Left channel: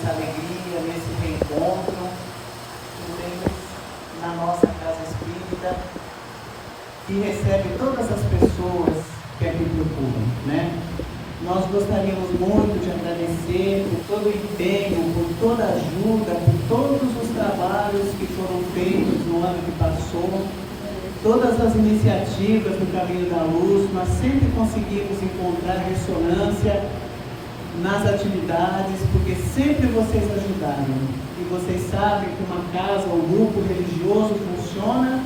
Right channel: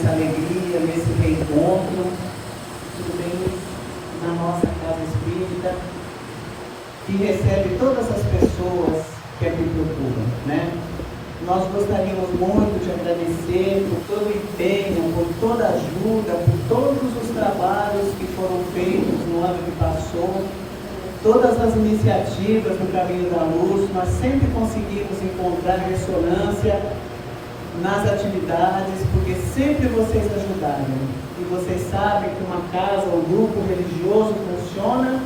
nessa alegria, nesse reencontro. Tudo bem, Luiz? Na nossa casa espírita, que recebe todas as pessoas que aqui procuram, né? Nós gostaríamos muito de agradecer por todo o empenho, por toda a ajuda, por todos os trabalhos que foram feitos no ano que passou, todas as iniciativas no Caminho da Luz. Nós sempre conseguimos encontrar ressonância nas atividades, porque sempre vocês ajudaram. E vocês sabem que uma casa, um grupo religioso funciona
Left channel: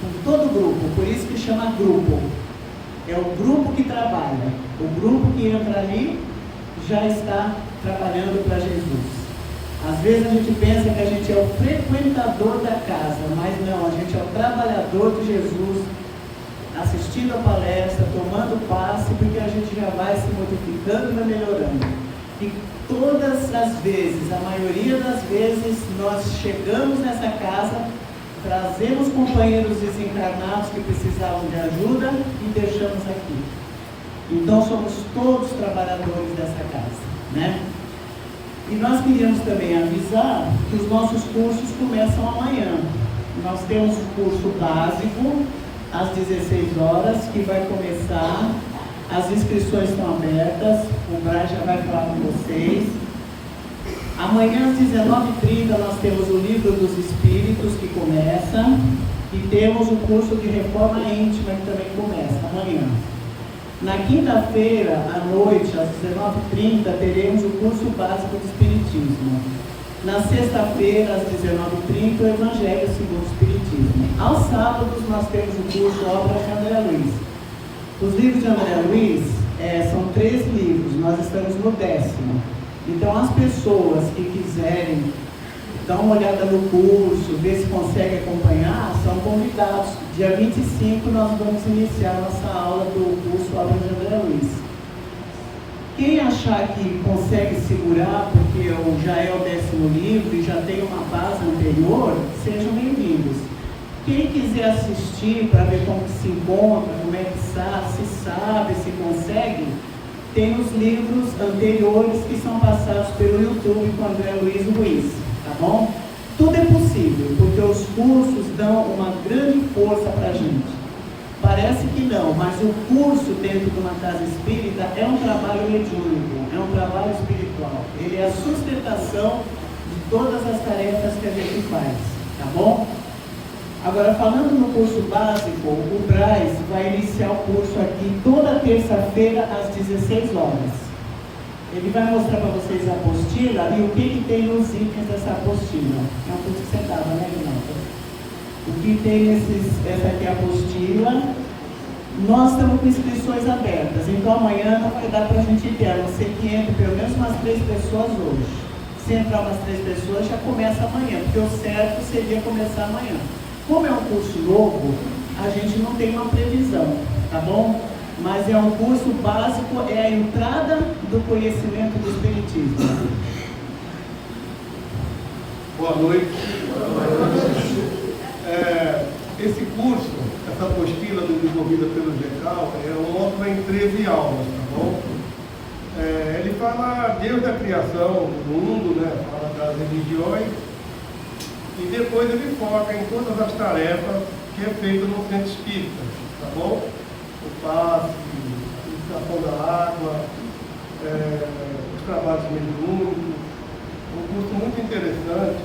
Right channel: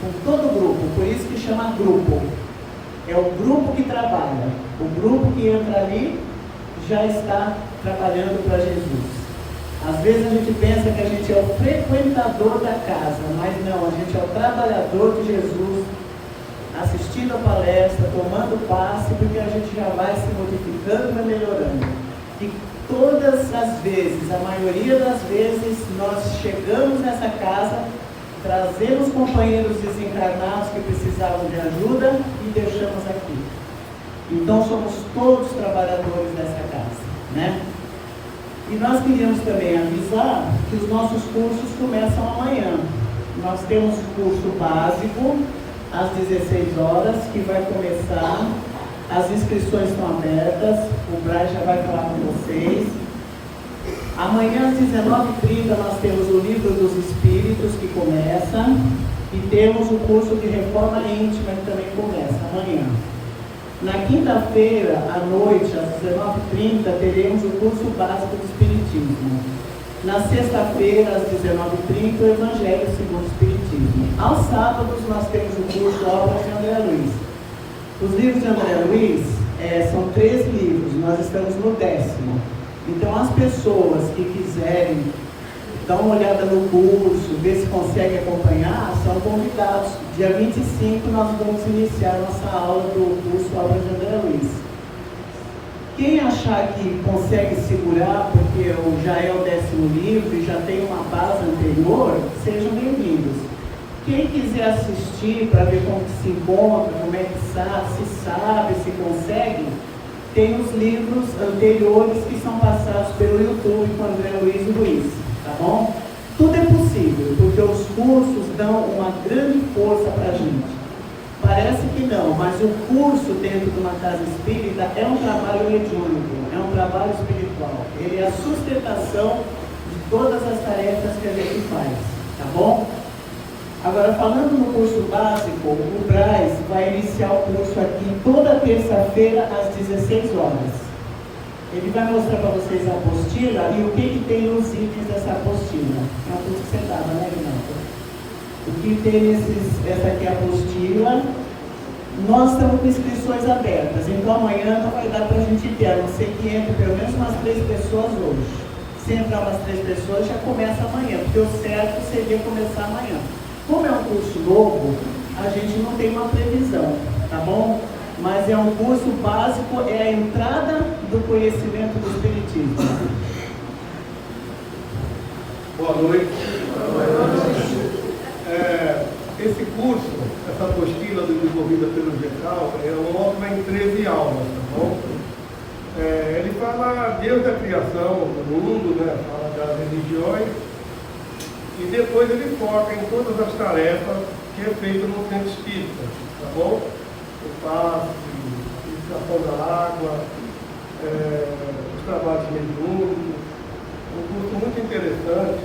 com todo o grupo, por isso que chama grupo. É o grupo que trabalha, o grupo que entra ali já está trabalhando para Jesus. Às vezes a gente pensa que a gente é o frequentador da casa, mas não, a gente é o trabalhador de Jesus, assistindo a palestra, tomando passe, porque a gente já vai se modificando e vai melhorando. E todas as vezes, a maioria das vezes, nós chegamos nessa casa, trazemos companheiros desencarnados que precisavam de ajuda e deixamos aqui. Então somos todos trabalhadores dessa casa, né? E nós queríamos também avisar que os nossos cursos começam amanhã. Nós temos o curso básico às 16 horas, que vai começar. As inscrições estão abertas, o Braz já vai falar com vocês. Amanhã às 19h30 nós temos o Livro dos Espíritos, que começa, e temos o curso de Reforma Íntima, que também começa amanhã. Na quinta-feira, à noite, às 19h30, teremos o curso básico de Espiritismo. Na sexta-feira, às 19h30, o Evangelho segundo o Espiritismo. Aos sábados, nós temos o curso Obras de André Luiz. Os livros de André Luiz são 13 livros, nós estamos no 10º. Então, as pessoas que quiserem dar uma olhada no curso, ver se conseguem acompanhar, são convidados. Dia 25 nós vamos iniciar nossa aula do curso Obras de André Luiz. Quem achar que consegue segurar, porque já é o 10º livro e já tem uma base anterior, sejam bem-vindos. Quem quiser assistir para ver como que se encontra, como é que se sabe, se consegue, tem os livros anteriores que são passados pelo YouTube com André Luiz Ruiz, tá bom? Tudo é possível, porque os cursos dão uma grande força para a gente. Parece que não, mas o curso dentro de uma casa espírita é um trabalho mediúnico, é um trabalho espiritual. Ele é a sustentação de todas as tarefas que a gente faz, tá bom? Agora, falando no curso básico, o Braz vai iniciar o curso aqui toda terça-feira às 16 horas. Ele vai mostrar para vocês a apostila e o que tem nos itens dessa apostila. É um curso que você dava, né, Renato? O que tem essa aqui é a apostila. Nós estamos com inscrições abertas, então amanhã não vai dar para a gente ter, a não ser que entre pelo menos umas 3 pessoas hoje. Se entrar umas 3 pessoas, já começa amanhã, porque o certo seria começar amanhã. Como é um curso novo, a gente não tem uma previsão, tá bom? Mas é um curso básico, é a entrada do conhecimento do Espiritismo. Boa noite. Esse curso, essa apostila desenvolvida pelo GECAL, é uma em 13 aulas, tá bom? Ele fala desde a criação do mundo, né? Fala das religiões, e depois ele foca em todas as tarefas que é feito no centro espírita, tá bom? O passe, a purificação da água, os trabalhos mediúnicos. Um curso muito interessante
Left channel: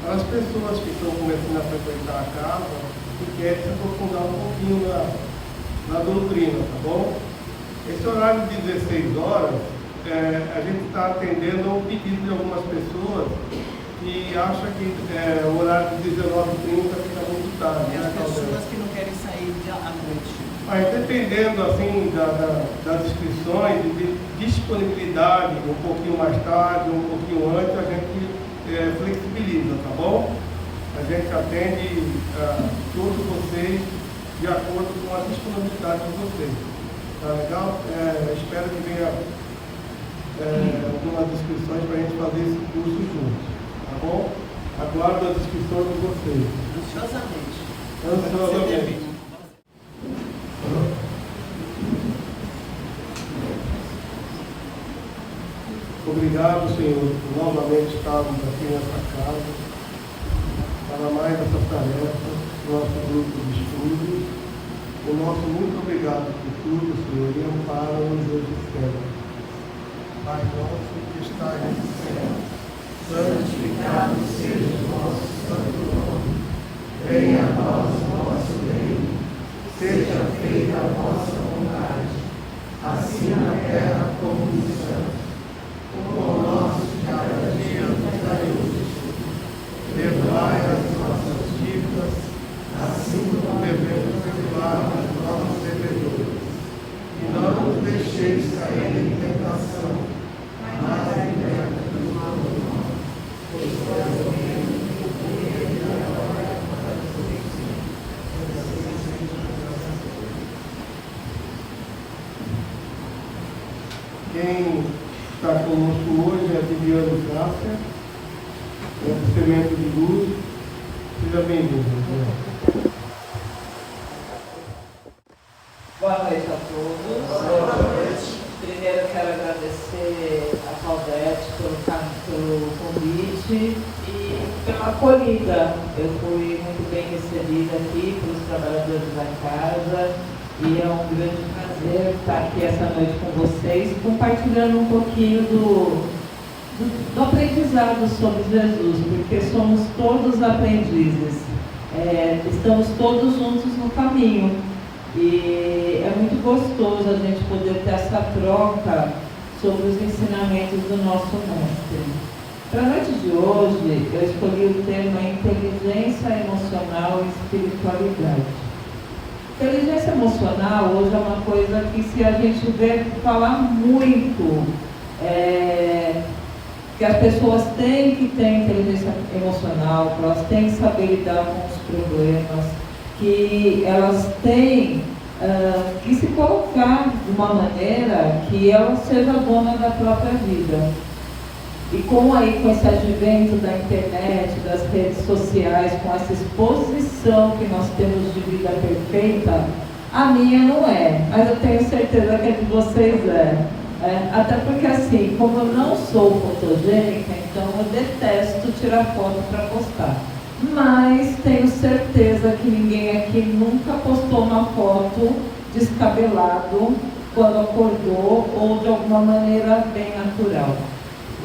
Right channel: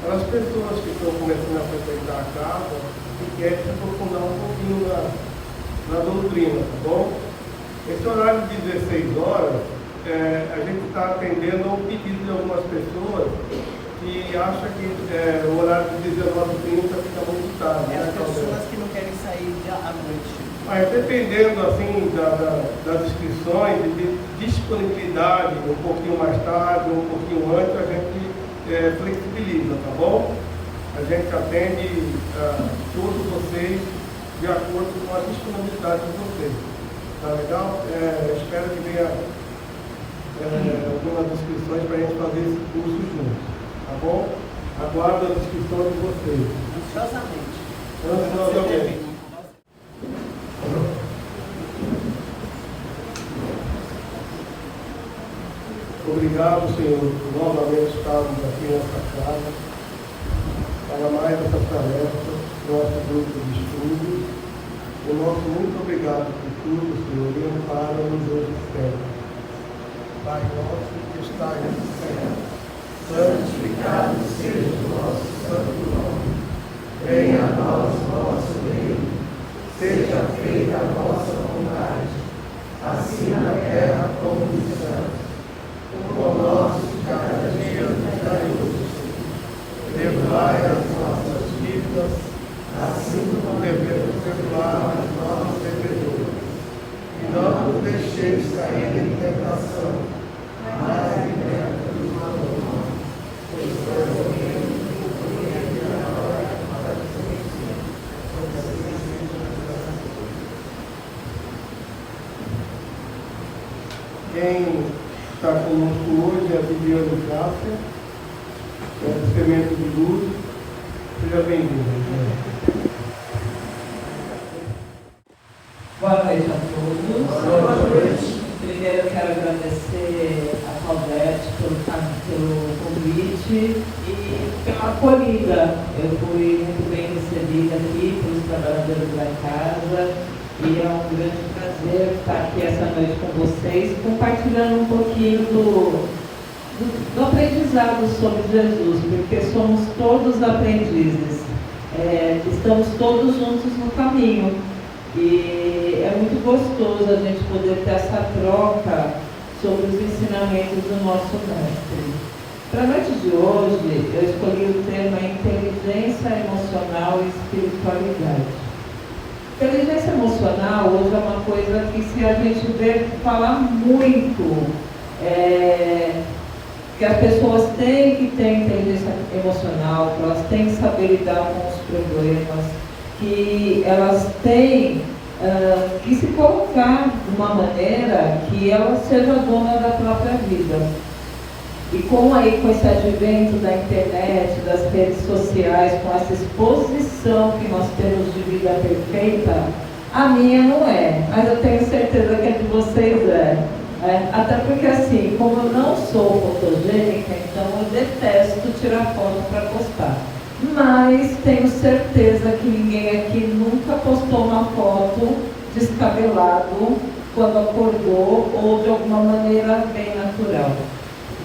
para as pessoas que estão começando a frequentar a casa e querem se aprofundar um pouquinho na doutrina, tá bom? Esse horário de 16 horas, a gente está atendendo ao pedido de algumas pessoas que acham que o horário de 19h30 fica muito tarde. As pessoas que não querem sair à noite. Mas dependendo assim, das inscrições, de disponibilidade, um pouquinho mais tarde, um pouquinho antes, a gente flexibiliza, tá bom? A gente atende todos vocês de acordo com a disponibilidade de vocês. Tá legal? Espero que venha algumas inscrições para a gente fazer esse curso juntos. Tá bom? Aguardo as inscrições de vocês. Ansiosamente. Obrigado, Senhor, por novamente estarmos aqui nessa casa para mais essa tarefa, nosso grupo de estudo. O nosso muito obrigado por tudo, Senhor, e ampara-nos hoje sempre. Pai nosso que estás no céu, santificado seja o vosso santo nome. Venha a nós o vosso reino, seja feita a vossa vontade, assim na terra como no céu. O pão nosso de cada dia nos dai hoje. Perdoai as nossas dívidas, assim como devemos perdoar os nossos devedores. E não nos deixeis cair em tentação, mas livrai-nos do mal. Pois é o reino, o poder e a glória para sempre. Quem está conosco hoje é a Viviane Cássia, do Semente de Luz. Seja bem-vindo. Boa noite a todos. Boa noite. Primeiro eu quero agradecer a Claudete pelo convite e pela acolhida. Eu fui muito bem recebida aqui pelos trabalhadores da casa e é um grande prazer estar aqui essa noite com vocês, compartilhando um pouquinho do aprendizado sobre Jesus, porque somos todos aprendizes, estamos todos juntos no caminho. E é muito gostoso a gente poder ter essa troca sobre os ensinamentos do nosso mestre. Para a noite de hoje, eu escolhi o tema inteligência emocional e espiritualidade. Inteligência emocional hoje é uma coisa que, se a gente vê falar muito, que as pessoas têm que ter inteligência emocional, que elas têm que saber lidar com os problemas, que elas têm que se colocar de uma maneira que ela seja dona da própria vida. E com esse advento da internet, das redes sociais, com essa exposição que nós temos de vida perfeita, a minha não é, mas eu tenho certeza que a de vocês é. Até porque, assim, como eu não sou fotogênica, então eu detesto tirar foto para postar. Mas tenho certeza que ninguém aqui nunca postou uma foto descabelado quando acordou ou de alguma maneira bem natural.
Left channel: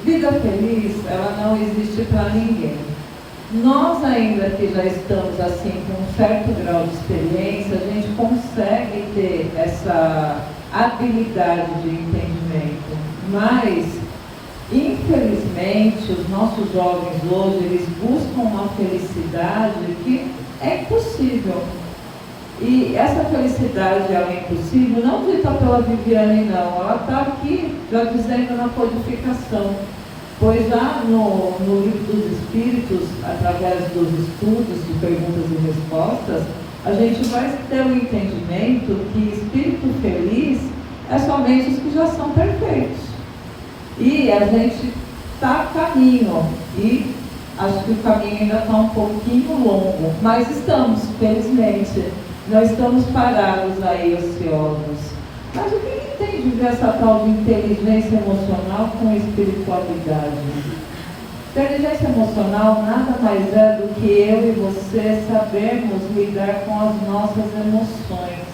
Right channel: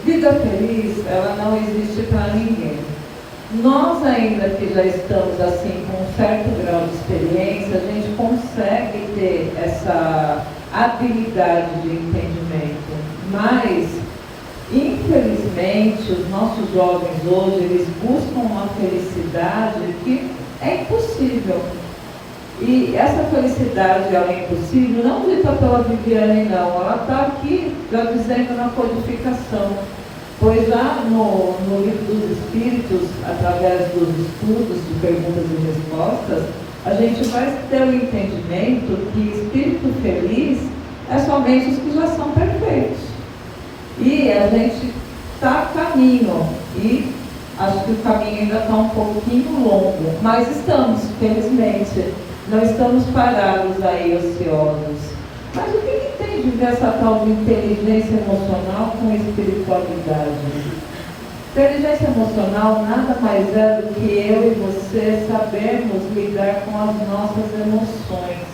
Vida feliz, ela não existe para ninguém. Nós ainda que já estamos assim com um certo grau de experiência, a gente consegue ter essa habilidade de entendimento, mas infelizmente os nossos jovens hoje, eles buscam uma felicidade que é impossível. E essa felicidade, ela é impossível, não dita pela Viviane, não, ela está aqui já dizendo na codificação, pois já no livro dos Espíritos, através dos estudos de perguntas e respostas, a gente vai ter o entendimento que espírito feliz é somente os que já são perfeitos. E a gente está a caminho, e acho que o caminho ainda está um pouquinho longo, mas estamos, felizmente, não estamos parados aí ociosos. Mas o que tem de ver essa tal de inteligência emocional com espiritualidade? Inteligência emocional nada mais é do que eu e você sabermos lidar com as nossas emoções,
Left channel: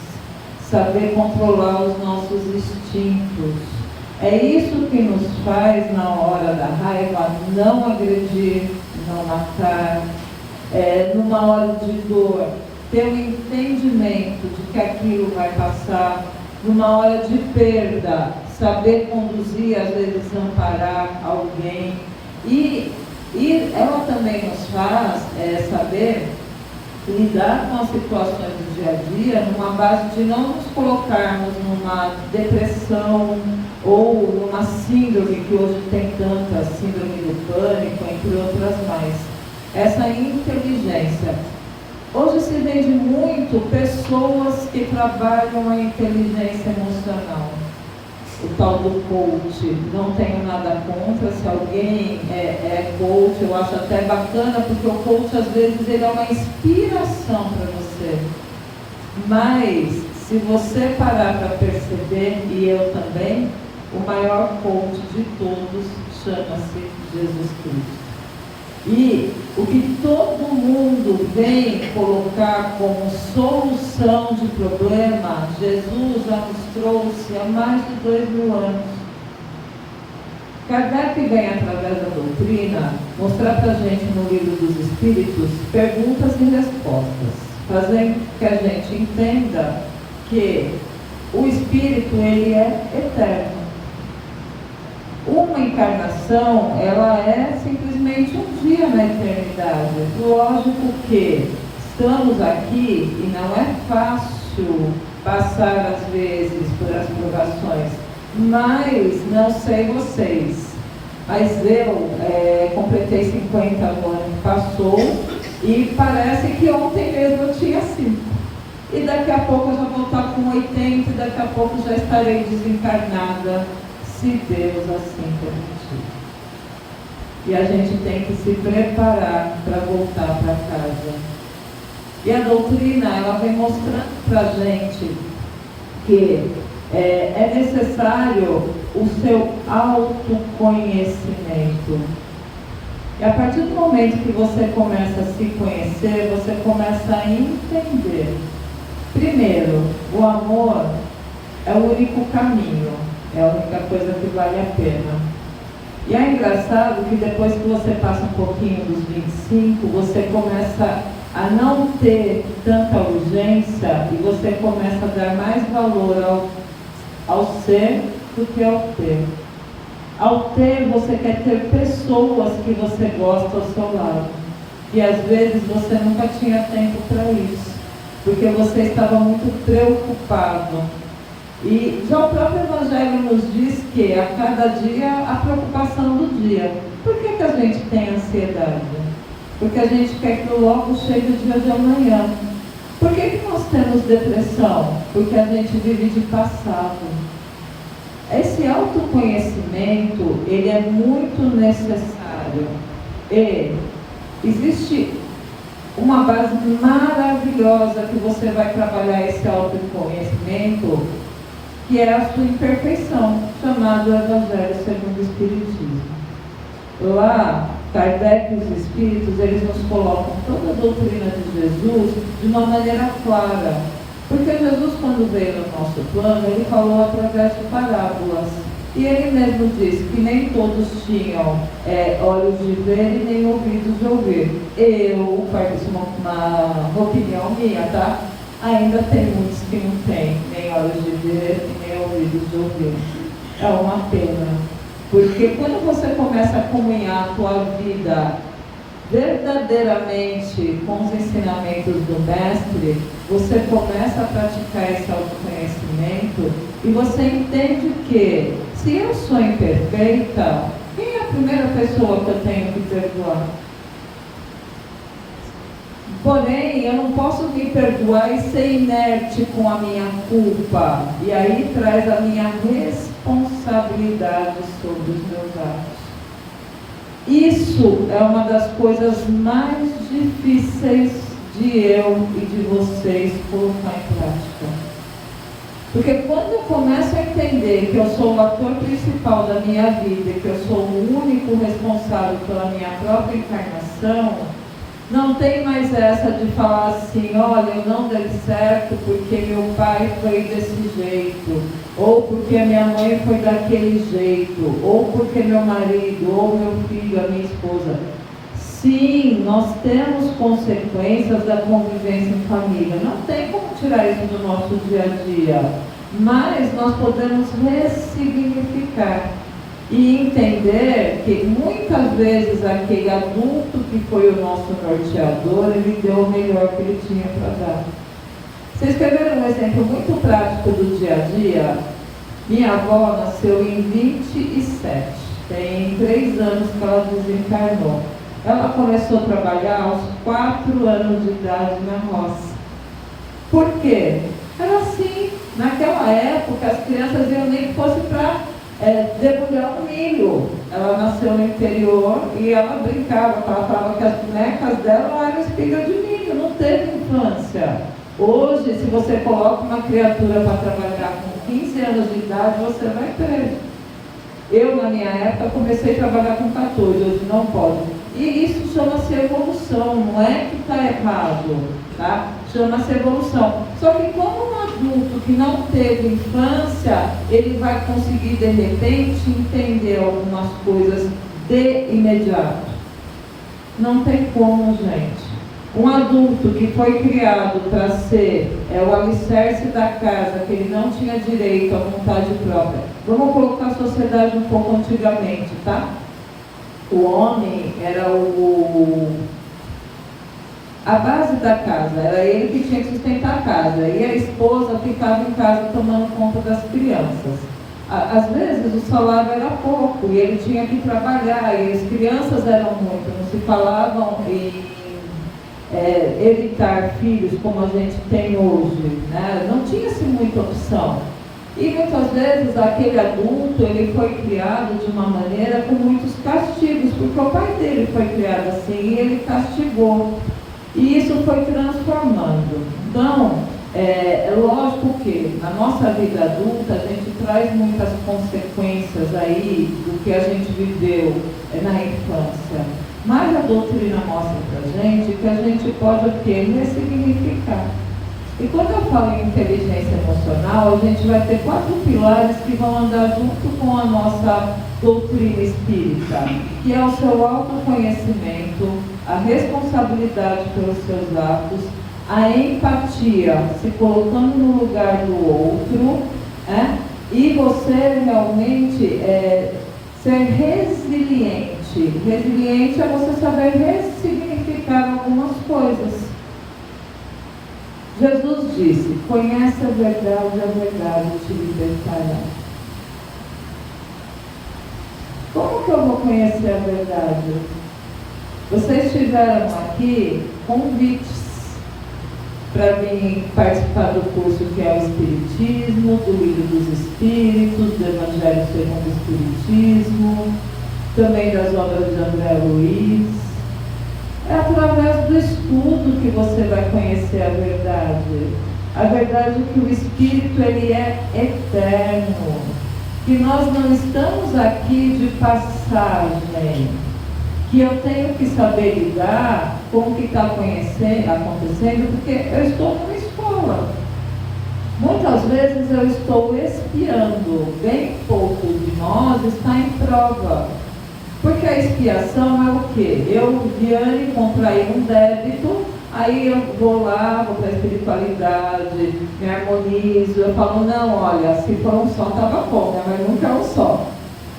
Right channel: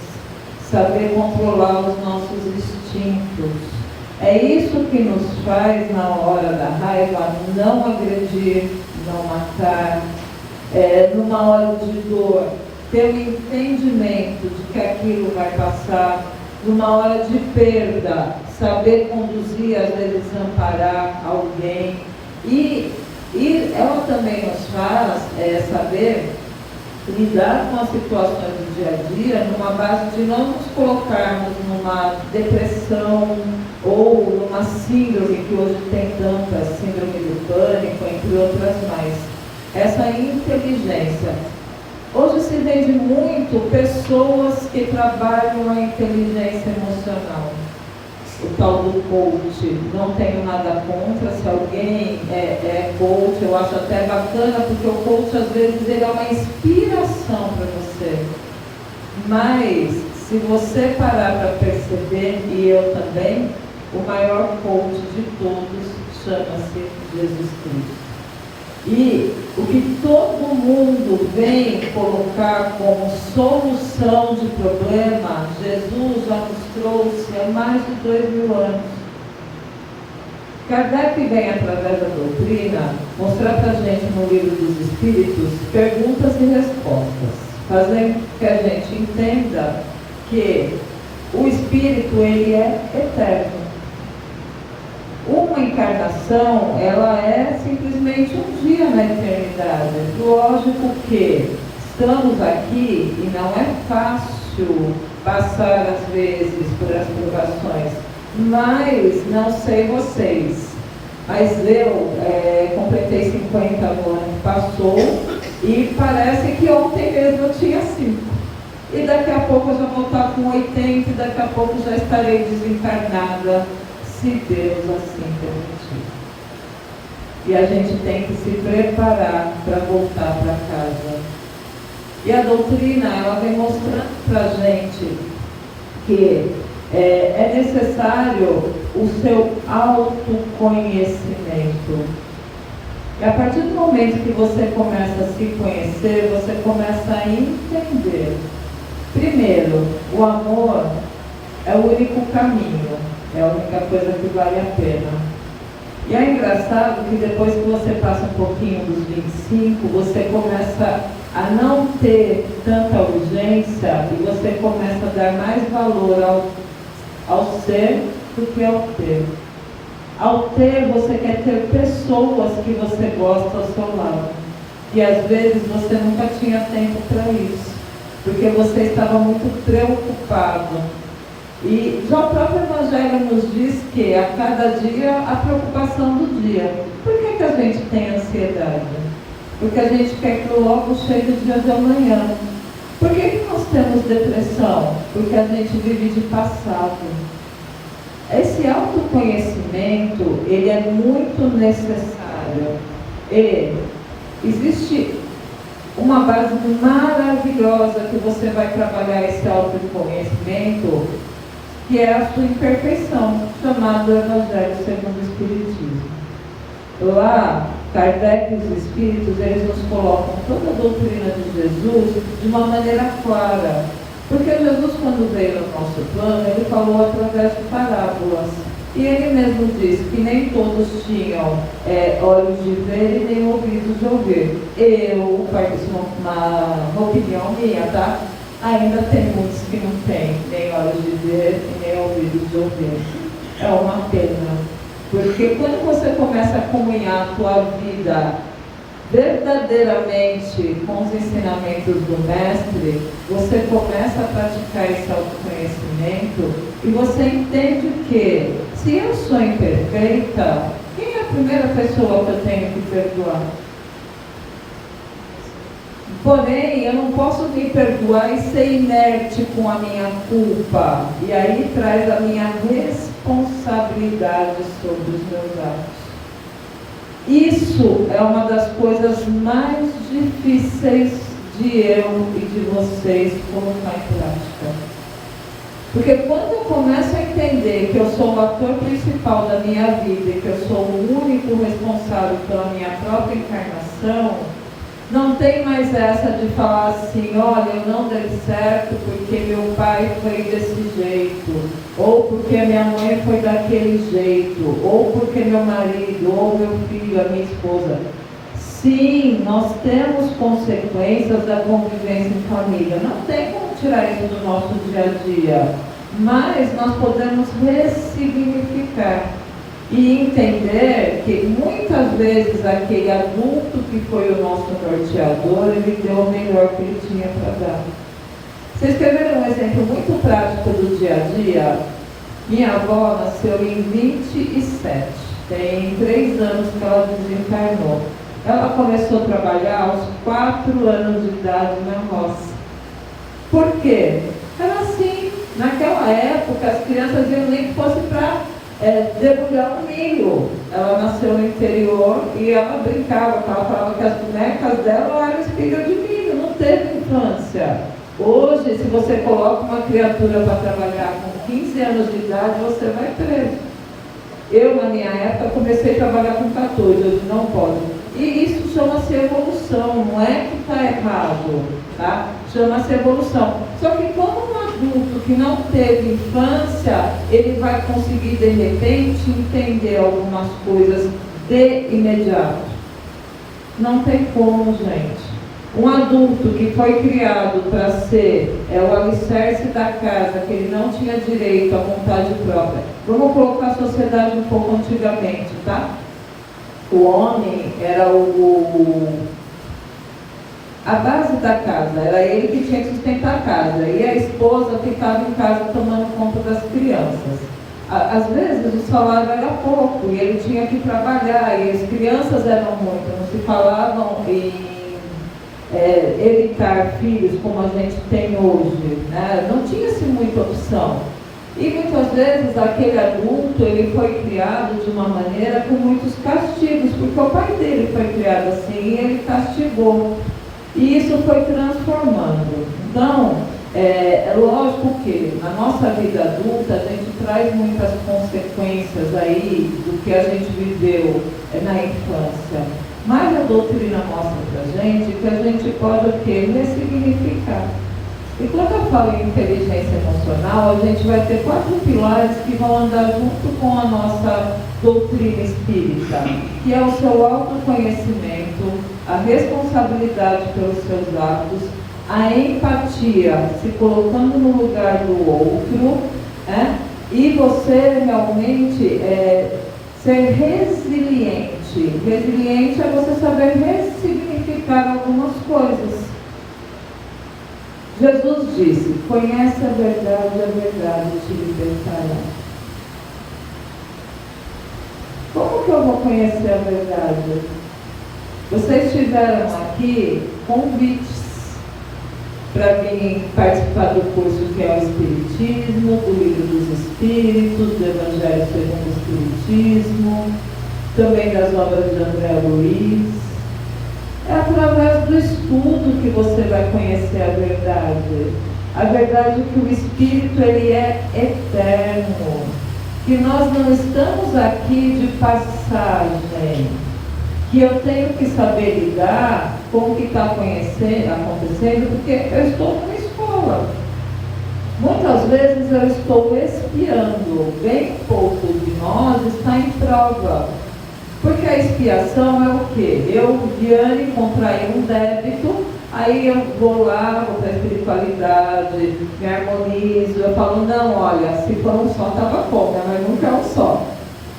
saber controlar os nossos instintos. É isso que nos faz, na hora da raiva, não agredir, não matar, numa hora de dor, ter um entendimento de que aquilo vai passar, numa hora de perda, saber conduzir, às vezes amparar alguém. E ela também nos faz saber lidar com as situações do dia a dia numa base de não nos colocarmos numa depressão ou numa síndrome que hoje tem tantas, síndrome do pânico, entre outras mais. Essa inteligência. Hoje se vende muito pessoas que trabalham a inteligência emocional. O tal do coach, não tenho nada contra, se alguém é coach, eu acho até bacana, porque o coach às vezes ele é uma inspiração para você. Mas se você parar para perceber, e eu também, o maior coach de todos chama-se Jesus Cristo. E o que todo mundo vem colocar como solução de problema, Jesus já nos trouxe há mais de 2000 anos. Kardec vem, através da doutrina, mostrar para a gente no Livro dos Espíritos perguntas e respostas, fazendo que a gente entenda que o Espírito, ele é eterno. Uma encarnação, ela é simplesmente um dia na eternidade. Lógico que estamos aqui e não é fácil passar, às vezes, por as provações. Mas, não sei vocês, mas eu completei 50 no ano que passou e parece que ontem mesmo eu tinha 5. E daqui a pouco eu já vou estar com 80 e daqui a pouco já estarei desencarnada, se Deus assim permitir. E a gente tem que se preparar para voltar para casa. E a doutrina, ela vem mostrando para a gente que é necessário o seu autoconhecimento. E a partir do momento que você começa a se conhecer, você começa a entender. Primeiro, o amor é o único caminho. É a única coisa que vale a pena. E é engraçado que depois que você passa um pouquinho dos 25, você começa a não ter tanta urgência e você começa a dar mais valor ao ser do que ao ter. Ao ter, você quer ter pessoas que você gosta ao seu lado. E às vezes você nunca tinha tempo para isso, porque você estava muito preocupado. E já o próprio Evangelho nos diz que a cada dia a preocupação do dia. Por que a gente tem ansiedade? Porque a gente quer que logo chegue o dia de amanhã. Por que nós temos depressão? Porque a gente vive de passado. Esse autoconhecimento, ele é muito necessário. E existe uma base maravilhosa que você vai trabalhar esse autoconhecimento, que é a sua imperfeição, chamado Evangelho segundo o Espiritismo. Lá, Kardec e os Espíritos, eles nos colocam toda a doutrina de Jesus de uma maneira clara. Porque Jesus, quando veio no nosso plano, ele falou através de parábolas. E ele mesmo disse que nem todos tinham olhos de ver e nem ouvidos de ouvir. Eu, isso é uma opinião minha, tá? Ainda tem muitos que não têm nem olhos de ver e nem ouvidos de ouvir. É uma pena. Porque quando você começa a comunhar a tua vida verdadeiramente com os ensinamentos do Mestre, você começa a praticar esse autoconhecimento e você entende que, se eu sou imperfeita, quem é a primeira pessoa que eu tenho que perdoar? Porém, eu não posso me perdoar e ser inerte com a minha culpa. E aí traz a minha responsabilidade sobre os meus atos. Isso é uma das coisas mais difíceis de eu e de vocês colocar em prática. Porque quando eu começo a entender que eu sou o ator principal da minha vida e que eu sou o único responsável pela minha própria encarnação, não tem mais essa de falar assim, olha, eu não dei certo porque meu pai foi desse jeito, ou porque minha mãe foi daquele jeito, ou porque meu marido, ou meu filho, a minha esposa. Sim, nós temos consequências da convivência em família. Não tem como tirar isso do nosso dia a dia, mas nós podemos ressignificar. E entender que muitas vezes aquele adulto que foi o nosso norteador, ele deu o melhor que ele tinha para dar. Vocês querem ver um exemplo muito prático do dia a dia? Minha avó nasceu em 27, tem 3 anos que ela desencarnou. Ela começou a trabalhar aos 4 anos de idade na roça. Por quê? Era assim, naquela época as crianças iam nem que fosse para debulhar o milho. Ela nasceu no interior e ela brincava, ela falava que as bonecas dela eram espelho de milho, não teve infância. Hoje, se você coloca uma criatura para trabalhar com 15 anos de idade, você vai preso. Eu, na minha época, comecei a trabalhar com 14, hoje não pode. E isso chama-se evolução, não é que está errado, tá? Chama-se evolução. Só que como um adulto que não teve infância, ele vai conseguir, de repente, entender algumas coisas de imediato. Não tem como, gente. Um adulto que foi criado para ser o alicerce da casa, que ele não tinha direito à vontade própria. Vamos colocar a sociedade um pouco antigamente, tá? O homem era a base da casa, era ele que tinha que sustentar a casa, e a esposa ficava em casa tomando conta das crianças. Às vezes o salário era pouco, e ele tinha que trabalhar, e as crianças eram muitas, não se falavam em evitar filhos como a gente tem hoje, né? Não tinha-se muita opção. E muitas vezes aquele adulto, ele foi criado de uma maneira com muitos castigos, porque o pai dele foi criado assim e ele castigou. E isso foi transformando. Então, é lógico que na nossa vida adulta a gente traz muitas consequências aí do que a gente viveu na infância. Mas a doutrina mostra pra gente que a gente pode o quê? Ressignificar. E quando eu falo em inteligência emocional, a gente vai ter 4 pilares que vão andar junto com a nossa doutrina espírita, que é o seu autoconhecimento, a responsabilidade pelos seus atos, a empatia, se colocando no lugar do outro, né? E você realmente ser resiliente. Resiliente é você saber ressignificar algumas coisas. Jesus disse: conhece a verdade te libertará. Como que eu vou conhecer a verdade? Vocês tiveram aqui convites para vir participar do curso que é o Espiritismo, do Livro dos Espíritos, do Evangelho segundo o Espiritismo, também das obras de André Luiz. É através do estudo que você vai conhecer a verdade. A verdade é que o Espírito, ele é eterno. Que nós não estamos aqui de passagem. Que eu tenho que saber lidar com o que está acontecendo, porque eu estou numa escola. Muitas vezes eu estou espiando. Bem pouco de nós está em prova. Porque a expiação é o quê? Eu, Viane, contraí um débito, aí eu vou lá, vou para a espiritualidade, me harmonizo, eu falo, não, olha, se for um só, estava bom, mas nunca é um só.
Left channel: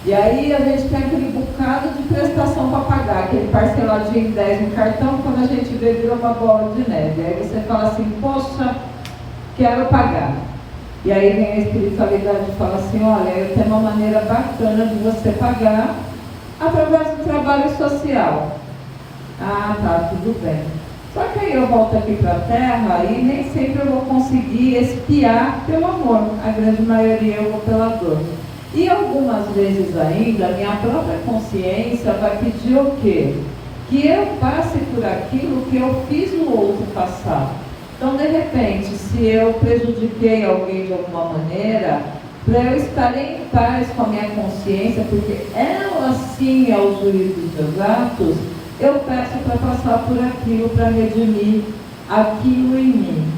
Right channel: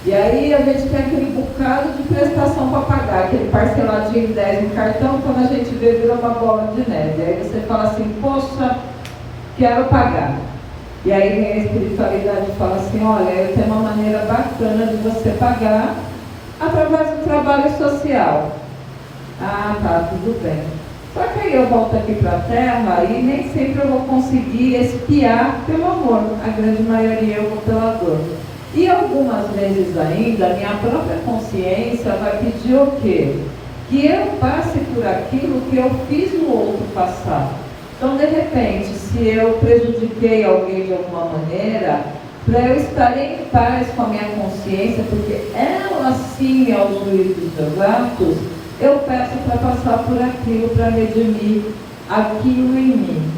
E aí a gente tem aquele bocado de prestação para pagar, aquele parceladinho em 10 no cartão, quando a gente vê, vira uma bola de neve. Aí você fala assim, poxa, quero pagar. E aí vem a espiritualidade e fala assim, olha, tem uma maneira bacana de você pagar, através do trabalho social. Ah, tá, tudo bem. Só que aí eu volto aqui para a Terra e nem sempre eu vou conseguir expiar pelo amor. A grande maioria eu vou pela dor. E algumas vezes ainda, a minha própria consciência vai pedir o quê? Que eu passe por aquilo que eu fiz o outro passar. Então, de repente, se eu prejudiquei alguém de alguma maneira, para eu estar em paz com a minha consciência, porque ela sim é o juiz dos meus atos, eu peço para passar por aquilo, para redimir aquilo em mim.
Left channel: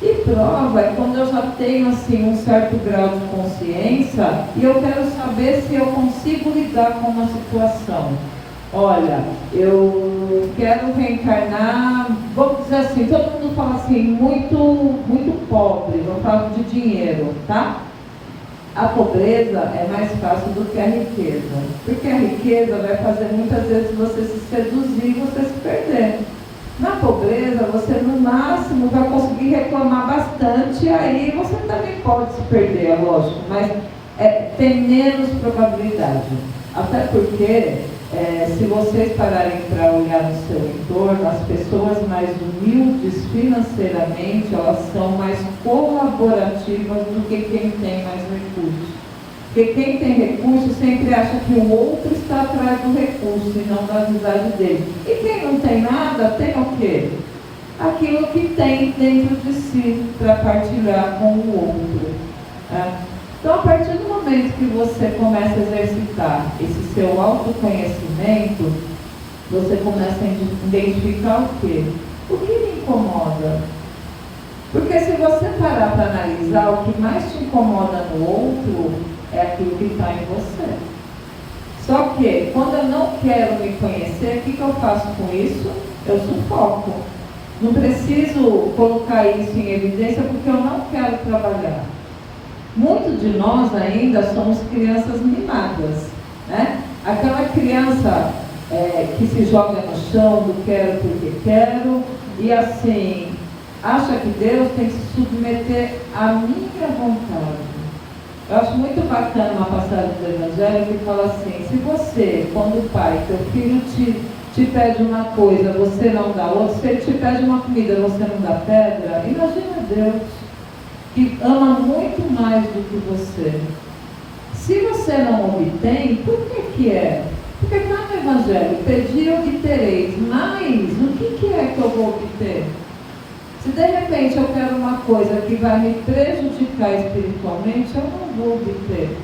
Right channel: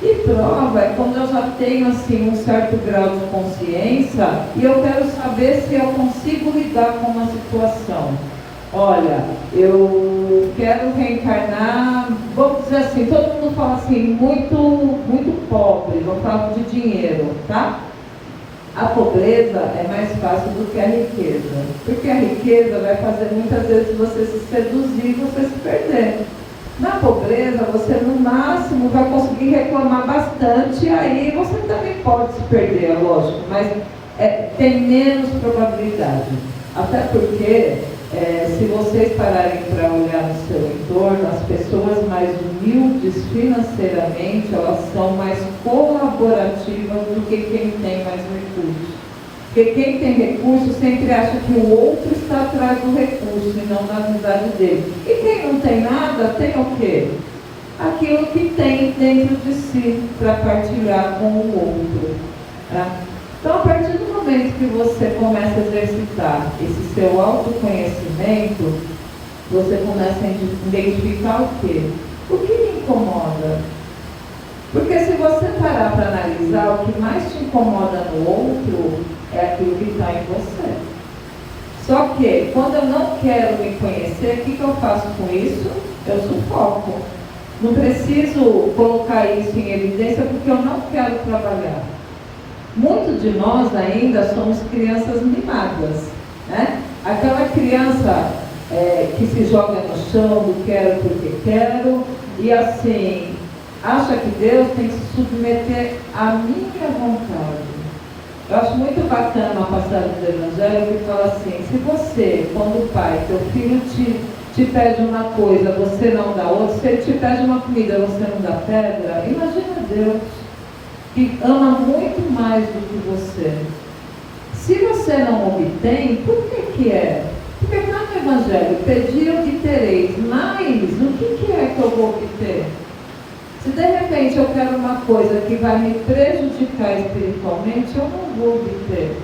E prova é quando eu já tenho assim, um certo grau de consciência e eu quero saber se eu consigo lidar com uma situação. Olha, eu quero reencarnar, vamos dizer assim, todo mundo fala assim, muito pobre, vou falar de dinheiro, tá? A pobreza é mais fácil do que a riqueza, porque a riqueza vai fazer muitas vezes você se seduzir e você se perder. Na pobreza, você no máximo vai conseguir reclamar bastante, aí você também pode se perder, é lógico, mas tem menos probabilidade. Até porque, se vocês pararem para olhar no seu entorno, as pessoas mais humildes financeiramente, elas são mais colaborativas do que quem tem mais recursos. Porque quem tem recurso sempre acha que o outro está atrás do recurso e não da amizade dele. E quem não tem nada, tem o quê? Aquilo que tem dentro de si para partilhar com o outro. Tá? Então, a partir do momento que você começa a exercitar esse seu autoconhecimento, você começa a identificar o quê? O que lhe incomoda? Porque se você parar para analisar, o que mais te incomoda no outro é aquilo que está em você. Só que, quando eu não quero me conhecer, o que eu faço com isso? Eu sufoco. Não preciso colocar isso em evidência porque eu não quero trabalhar. Muitos de nós ainda somos crianças mimadas, né? Aquela criança que se joga no chão do quero porque quero, e assim, acha que Deus tem que se submeter à minha vontade. Eu acho muito bacana uma passagem do Evangelho que fala assim: se você, quando o pai, teu filho te pede uma coisa, você não dá outra, se ele te pede uma comida, você não dá pedra, imagina Deus, que ama muito mais do que você. Se você não obtém, por que é? Porque está no Evangelho, pedi e obtereis, mas o que é que eu vou obter? Se de repente eu quero uma coisa que vai me prejudicar espiritualmente, eu não vou obter.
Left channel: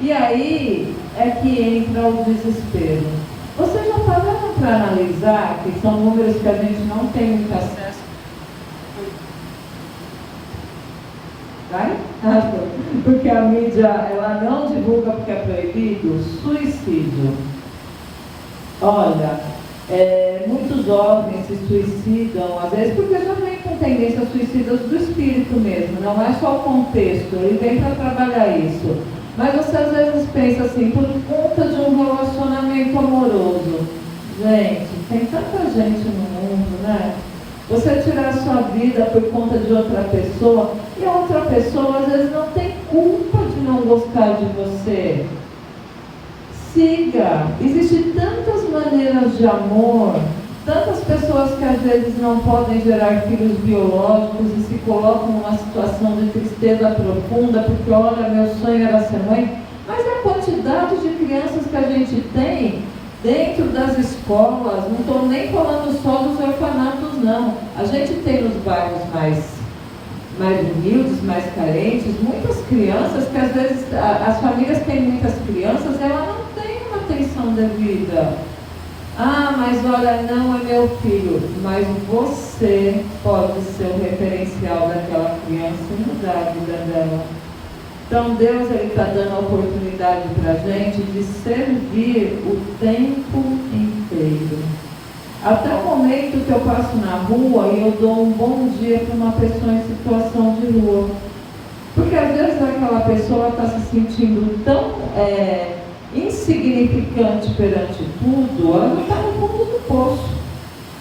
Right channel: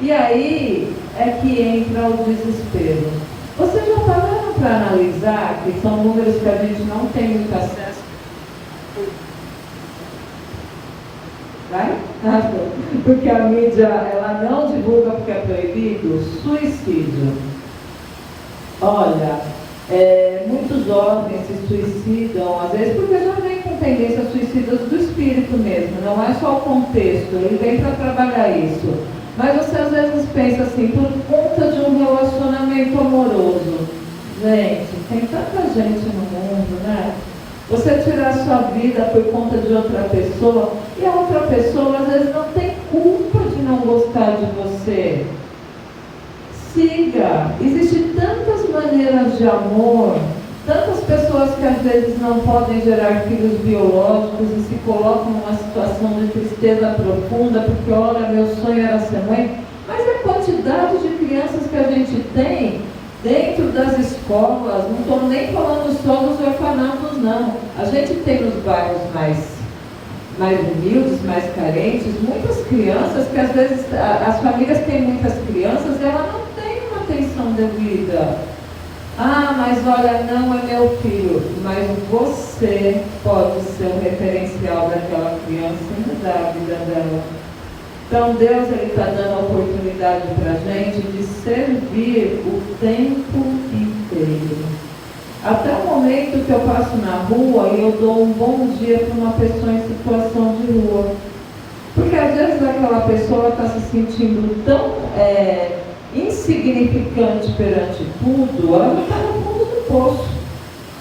E aí é que entra o desespero. Vocês já pararam para analisar que são números que a gente não tem muito acesso? Vai? Porque a mídia ela não divulga porque é proibido. Suicídio. Olha, muitos jovens se suicidam, às vezes porque já vem com tendências suicidas do espírito mesmo, não é só o contexto, ele vem para trabalhar isso. Mas você às vezes pensa assim, por conta de um relacionamento amoroso. Gente, tem tanta gente no mundo, né? Você tirar a sua vida por conta de outra pessoa, e a outra pessoa às vezes não tem culpa de não gostar de você. Siga, existem tantas maneiras de amor, tantas pessoas que às vezes não podem gerar filhos biológicos e se colocam numa situação de tristeza profunda, porque olha, meu sonho era ser mãe, mas a quantidade de crianças que a gente tem dentro das escolas, não estou nem falando só dos orfanatos não, a gente tem nos bairros mais humildes, mais carentes, muitas crianças que às vezes, as famílias têm muitas crianças e ela não tem uma atenção devida. Ah, mas olha, não é meu filho, mas você pode ser o referencial daquela criança e mudar a vida dela. Então Deus está dando a oportunidade para a gente de servir o tempo inteiro. Até o momento que eu passo na rua e eu dou um bom dia para uma pessoa em situação de rua. Porque às vezes aquela pessoa está se sentindo tão insignificante perante tudo, ela está no fundo do poço,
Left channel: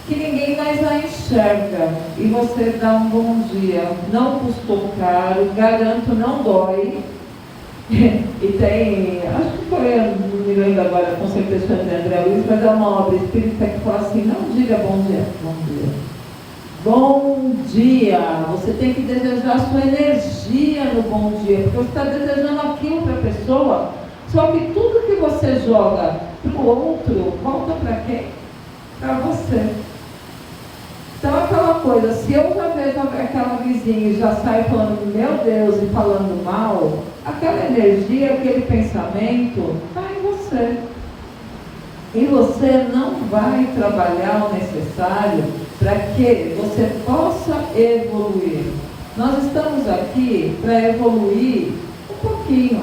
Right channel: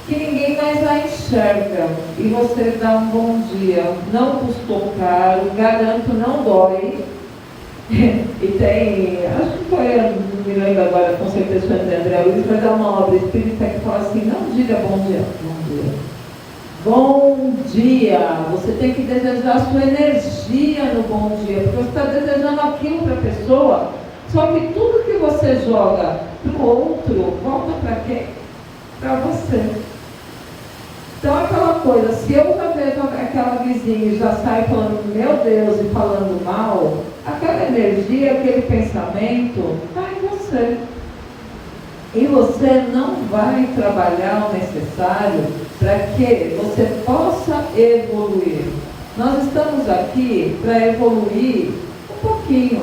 que ninguém mais a enxerga. E você dá um bom dia, não custou caro, garanto, não dói. E tem, acho que foi, não me lembro agora, com certeza foi André Luiz, mas é uma obra espírita que fala assim, não diga bom dia, bom dia. Bom dia, você tem que desejar a sua energia no bom dia, porque você está desejando aquilo para a pessoa, só que tudo que você joga para o outro, volta para quem? Para você. Então aquela coisa, se eu já vejo aquela vizinha e já sai falando, meu Deus, e falando mal, aquela energia, aquele pensamento, está em você. E você não vai trabalhar o necessário para que você possa evoluir. Nós estamos aqui para evoluir um pouquinho.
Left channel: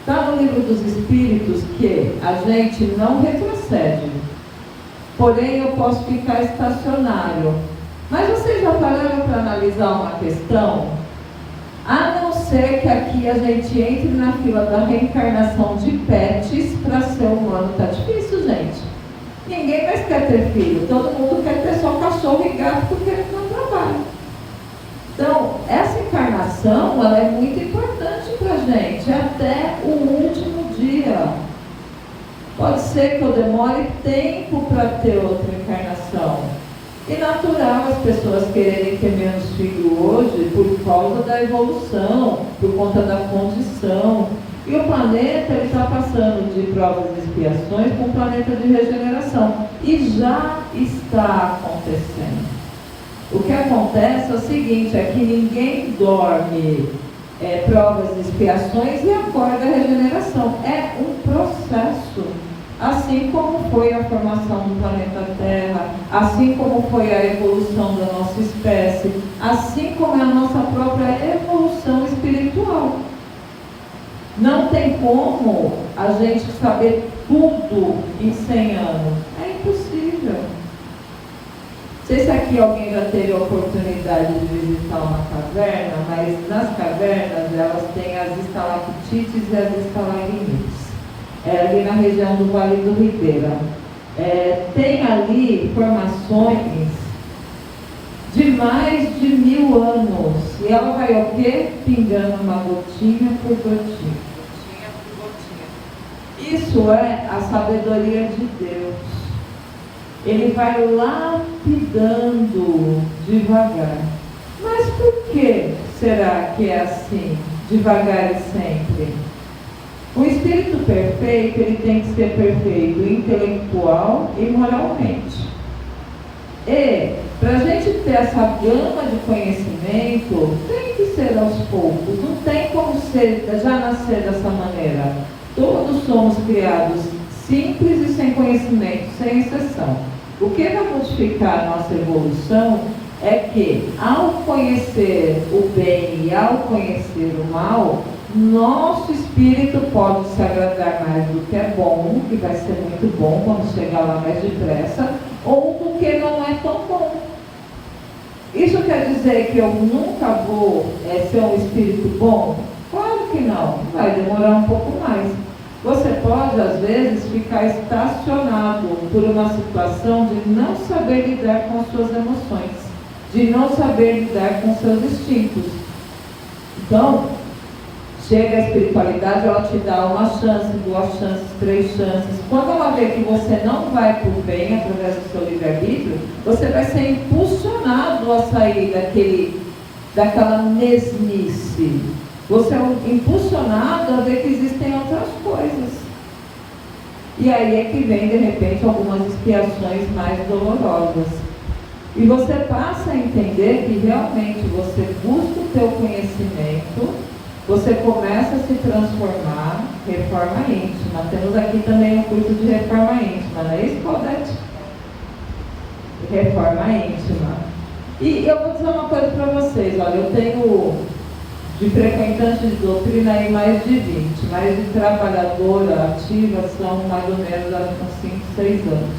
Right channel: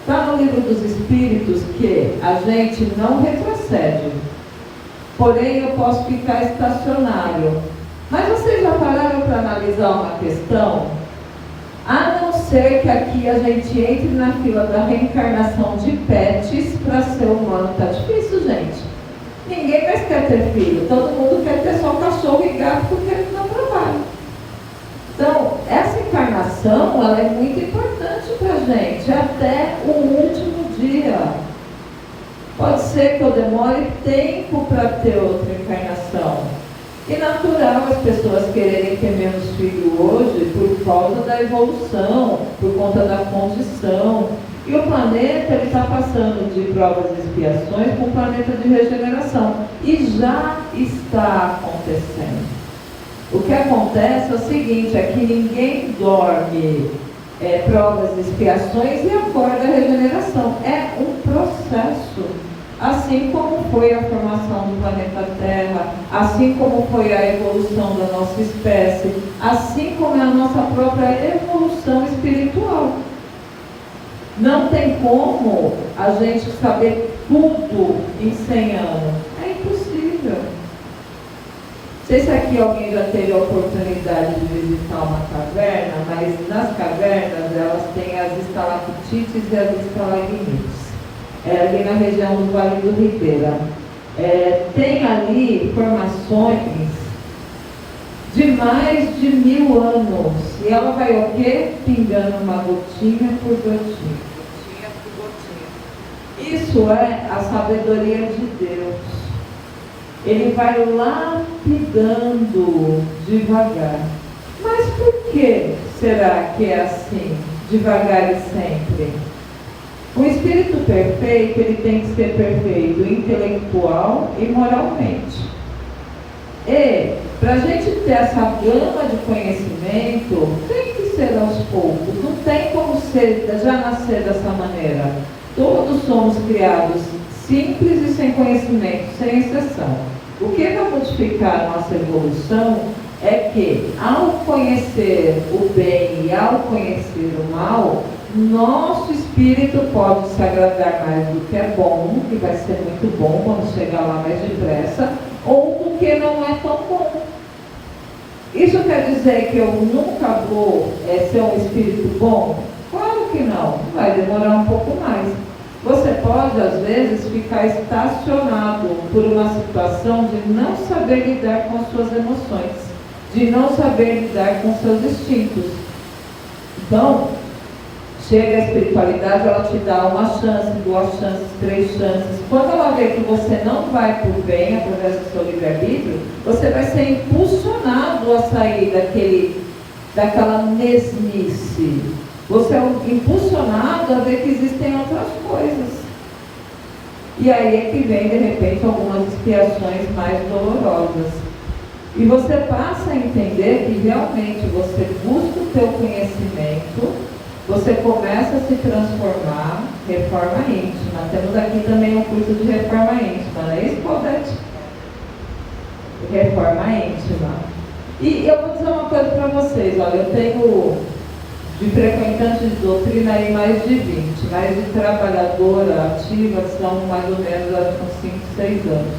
Está no livro dos Espíritos que a gente não retrocede. Porém, eu posso ficar estacionário. Mas vocês já pararam para analisar uma questão? A não ser que aqui a gente entre na fila da reencarnação de pets para ser humano. Está difícil, gente. Ninguém mais quer ter filho. Todo mundo quer ter só cachorro e gato porque eles não trabalham. Então, essa encarnação, ela é muito importante para a gente, até o último dia. Pode ser que eu demore tempo para ter outra encarnação. E natural as pessoas quererem ter menos filho hoje por causa da evolução, por conta da condição. E o planeta está passando de provas e expiações para um planeta de regeneração. E já está acontecendo. O que acontece é o seguinte, é que ninguém dorme. provas, expiações e agora da regeneração. É um processo, assim como foi a formação do planeta Terra, assim como foi a evolução da nossa espécie, assim como é a nossa própria evolução espiritual. Não tem como a gente saber tudo em 100 anos. É impossível. Não sei se aqui alguém já teve a oportunidade de visitar uma caverna, mas nas cavernas elas têm as estalactites e as estalagmites. Ali na região do Vale do Ribeira. Tem ali formações de mais de 1000 anos. E ela vai o quê? Pingando uma gotinha por gotinha. Gotinha por gotinha. Isso é a sabedoria de Deus. Ele vai lapidando devagar. Mas por que será que é assim, devagar e sempre? O espírito perfeito, ele tem que ser perfeito intelectual e moralmente. E, para a gente ter essa gama de conhecimento, tem que ser aos poucos. Não tem como já nascer dessa maneira. Todos somos criados simples e sem conhecimento, sem exceção. O que vai modificar a nossa evolução é que, ao conhecer o bem e ao conhecer o mal, nosso espírito pode se agradar mais do que é bom, que vai ser muito bom, vamos chegar lá mais depressa, ou do que não é tão bom. Isso quer dizer que eu nunca vou ser um espírito bom? Claro que não, vai demorar um pouco mais. Você pode, às vezes, ficar estacionado por uma situação de não saber lidar com as suas emoções, de não saber lidar com seus instintos. Então, chega a espiritualidade, ela te dá uma chance, 2 chances, 3 chances. Quando ela vê que você não vai por bem através do seu livre-arbítrio, você vai ser impulsionado a sair daquela mesmice. Você é impulsionado a ver que existem outras coisas. E aí é que vem, de repente, algumas expiações mais dolorosas. E você passa a entender que realmente você busca o teu conhecimento, você começa a se transformar, reforma íntima. Temos aqui também um curso de reforma íntima, não é isso, Claudete? Reforma íntima. E eu vou dizer uma coisa para vocês, olha, eu tenho de frequentante de doutrina aí mais de 20, mas de trabalhadora ativa são mais ou menos com 5, 6 anos.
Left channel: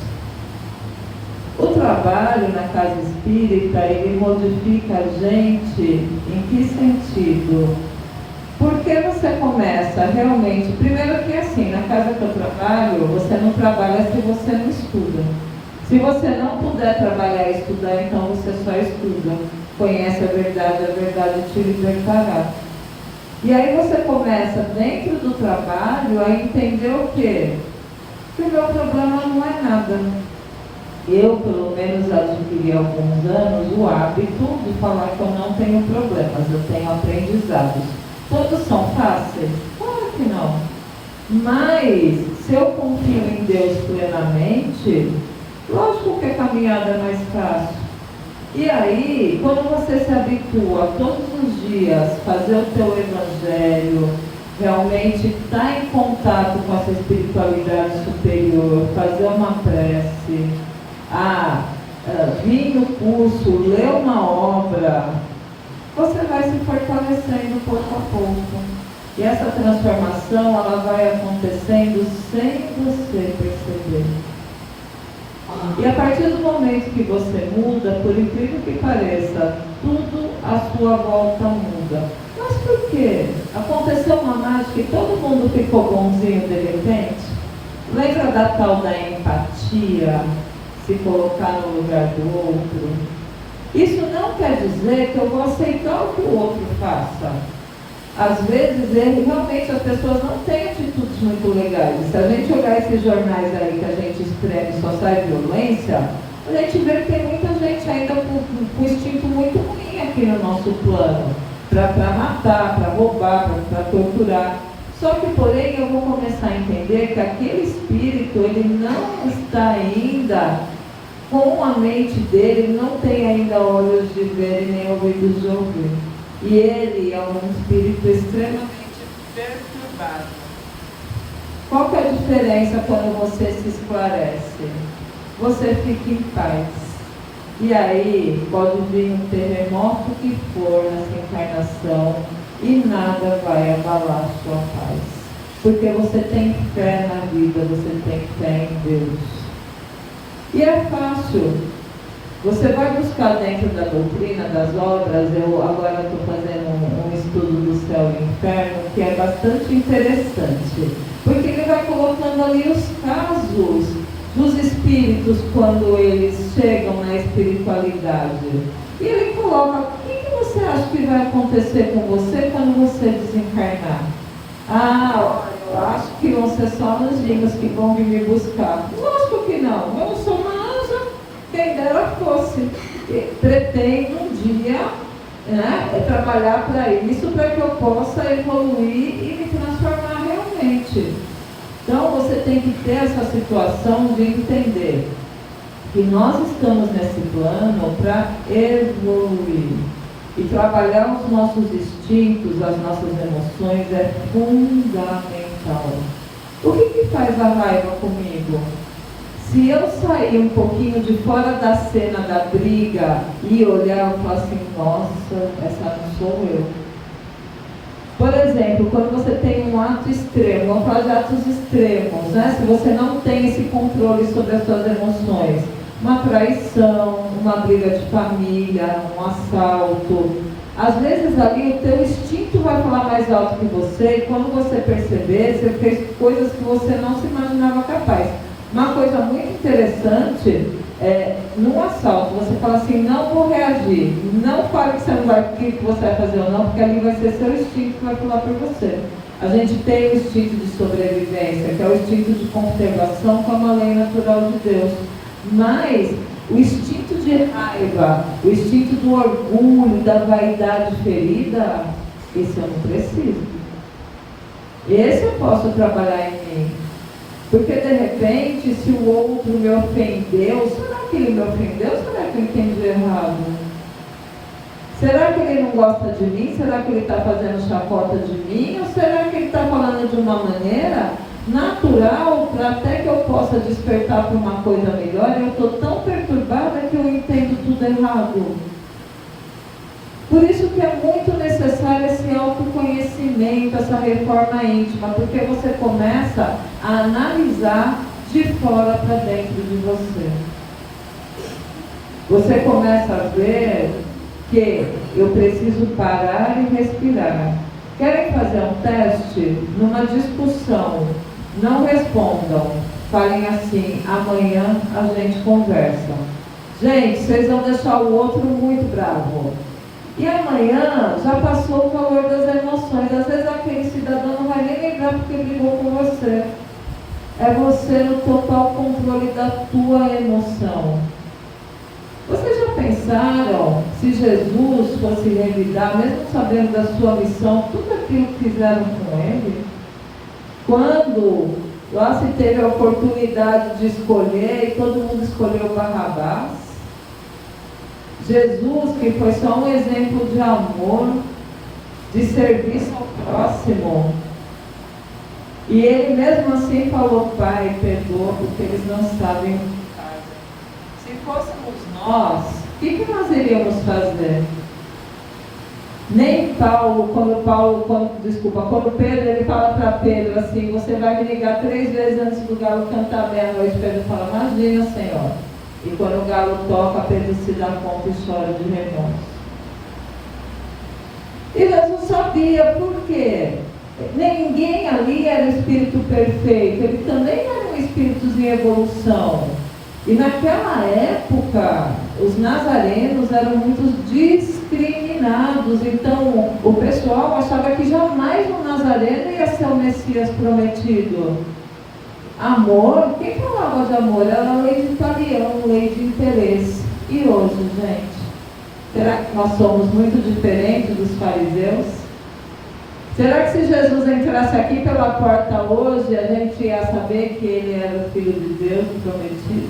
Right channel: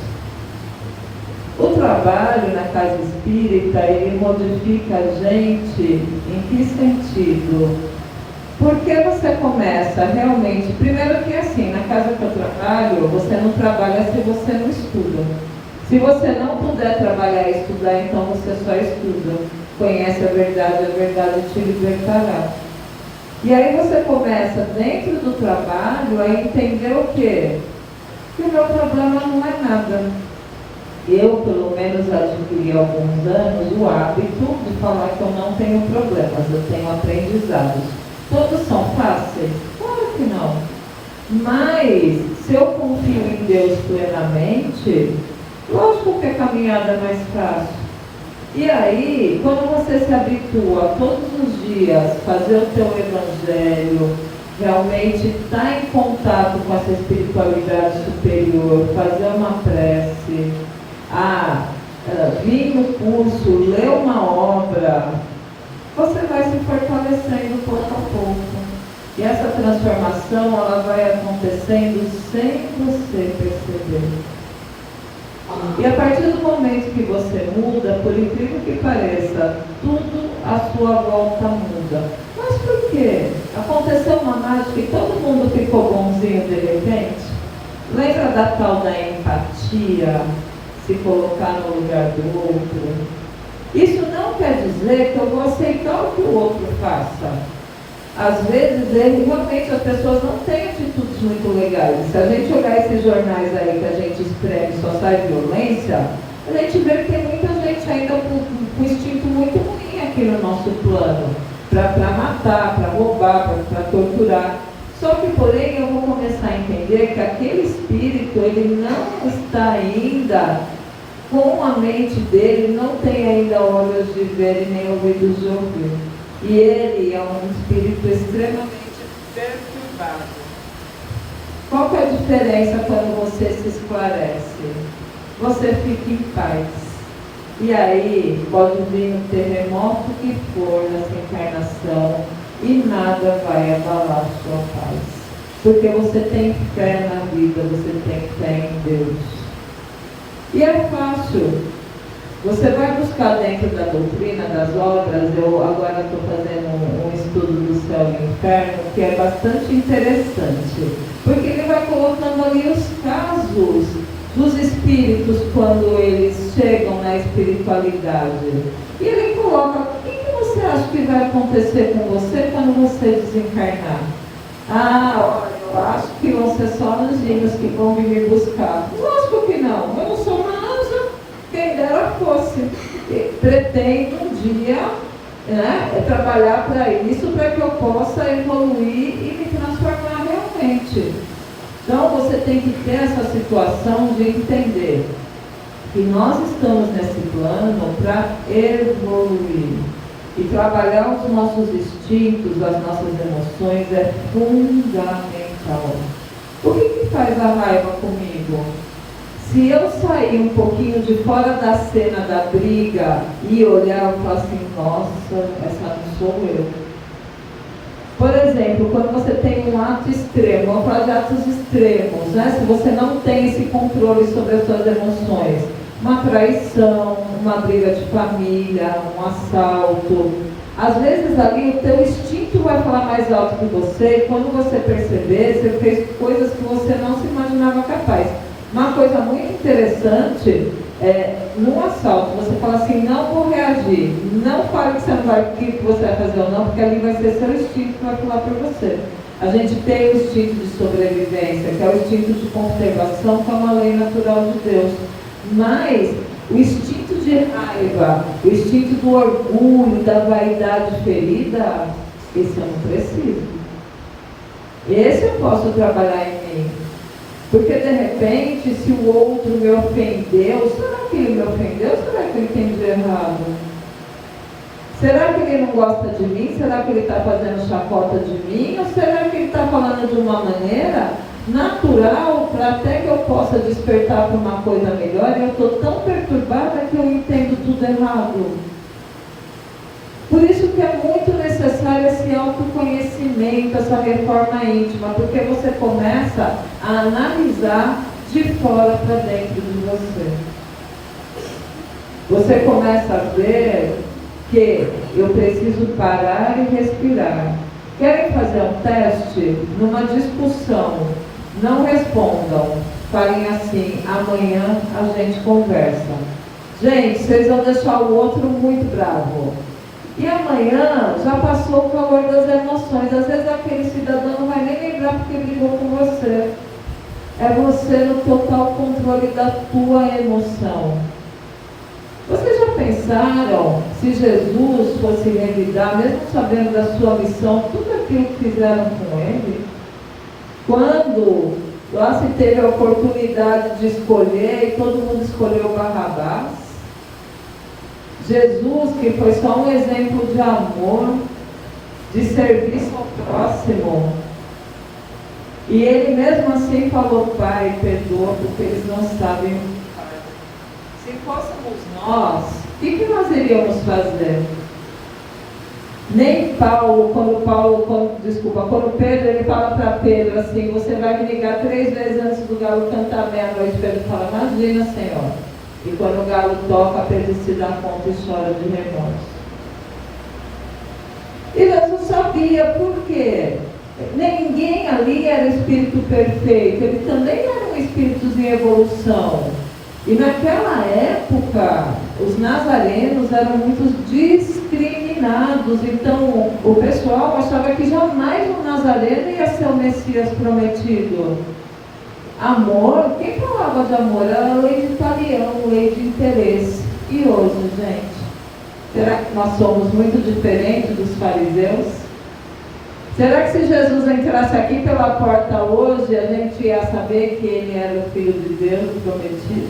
O trabalho na casa espírita, ele modifica a gente em que sentido? Porque você começa realmente, primeiro que assim, na casa que eu trabalho, você não trabalha se você não estuda. Se você não puder trabalhar e estudar, então você só estuda. Conhece a verdade te libertará. E aí você começa, dentro do trabalho, a entender o quê? Que o meu problema não é nada. Eu, pelo menos, adquiri há alguns anos o hábito de falar que eu não tenho problemas, eu tenho aprendizados. Todos são fáceis? Claro que não. Mas, se eu confio em Deus plenamente, lógico que a caminhada é mais fácil. E aí, quando você se habitua todos os dias a fazer o teu evangelho, realmente estar em contato com essa espiritualidade superior, fazer uma prece, vir no curso, ler uma obra, você vai se fortalecendo pouco a pouco. E essa transformação, ela vai acontecendo sem você perceber. E a partir do momento que você muda, por incrível que pareça, tudo à sua volta muda. Mas por quê? Aconteceu uma mágica e todo mundo ficou bonzinho de repente? Lembra da tal da empatia? Se colocar no lugar do outro? Isso não quer dizer que eu vou aceitar o que o outro faça. Às vezes, realmente as pessoas não têm atitudes muito legais. Se a gente olhar esses jornais aí que a gente escreve só sai violência, a gente vê que tem muita gente ainda com instinto muito ruim aqui no nosso plano. Para matar, para roubar, para torturar. Só que, porém, eu vou começar a entender que aquele espírito, ele não está ainda com a mente dele, não tem ainda olhos de ver e nem ouvidos de ouvir. E ele é um espírito extremamente perturbado. Qual que é a diferença quando você se esclarece? Você fica em paz. E aí pode vir um terremoto que for nessa encarnação e nada vai abalar a sua paz. Porque você tem fé na vida, você tem fé em Deus. E é fácil. Você vai buscar dentro da doutrina, das obras, eu agora estou fazendo um estudo do céu e do inferno, que é bastante interessante, porque ele vai colocando ali os casos dos espíritos quando eles chegam na espiritualidade. E ele coloca, o que você acha que vai acontecer com você quando você desencarnar? Ah, olha, eu acho que vão ser só anjinhos que vão vir me buscar. Lógico que não, eu não sou uma anja, quem dera fosse. Pretendo um dia, né, trabalhar para isso, para que eu possa evoluir e me transformar realmente. Então você tem que ter essa situação de entender que nós estamos nesse plano para evoluir. E trabalhar os nossos instintos, as nossas emoções é fundamental. O que faz a raiva comigo? Se eu sair um pouquinho de fora da cena da briga e olhar e falar assim, nossa, essa não sou eu. Por exemplo, quando você tem um ato extremo, vamos falar de atos extremos, né? Se você não tem esse controle sobre as suas emoções, uma traição, uma briga de família, um assalto, às vezes ali o teu instinto vai falar mais alto que você, e quando você perceber, você fez coisas que você não se imaginava capaz. Uma coisa muito interessante é, num assalto, você fala assim, não vou reagir, não fale que você não vai, o que você vai fazer ou não, porque ali vai ser seu instinto que vai falar por você. A gente tem o instinto de sobrevivência, que é o instinto de conservação, que é uma lei natural de Deus. Mas o instinto de raiva, o instinto do orgulho, da vaidade ferida, esse eu não preciso. Esse eu posso trabalhar em mim. Porque de repente, se o outro me ofendeu, será que ele me ofendeu ou será que eu entendi errado? Será que ele não gosta de mim? Será que ele está fazendo chacota de mim? Ou será que ele está falando de uma maneira natural para até que eu possa despertar para uma coisa melhor? Eu estou tão perturbada que eu entendo tudo errado. Por isso que é muito necessário esse autoconhecimento, essa reforma íntima, porque você começa a analisar de fora para dentro de você. Você começa a ver que eu preciso parar e respirar. Querem fazer um teste? Numa discussão, não respondam. Falem assim, amanhã a gente conversa. Gente, vocês vão deixar o outro muito bravo. E amanhã já passou o calor das emoções. Às vezes aquele cidadão não vai nem lembrar porque brigou com você. É você no total controle da tua emoção. Vocês já pensaram se Jesus fosse revidar, mesmo sabendo da sua missão, tudo aquilo que fizeram com ele? Quando lá se teve a oportunidade de escolher e todo mundo escolheu Barrabás, Jesus, que foi só um exemplo de amor, de serviço ao próximo, e ele mesmo assim falou, Pai, perdoa, porque eles não sabem o que fazem. Se fôssemos nós, o que nós iríamos fazer? Nem Paulo, quando Pedro, ele fala para Pedro assim, você vai me ligar 3 vezes antes do galo cantar meia-noite. Pedro fala, imagina, Senhor. E quando o galo toca, Pedro se dá conta e chora de remorso. E Deus não sabia por quê. Ninguém ali era espírito perfeito, eles também eram espíritos em evolução. E naquela época, os nazarenos eram muito discriminados. Então, o pessoal achava que jamais um nazareno ia ser o Messias prometido. Amor, quem falava de amor? Era a lei de Talião, lei de interesse. E hoje, gente? Será que nós somos muito diferentes dos fariseus? Será que se Jesus entrasse aqui pela porta hoje, a gente ia saber que ele era o Filho de Deus, o prometido?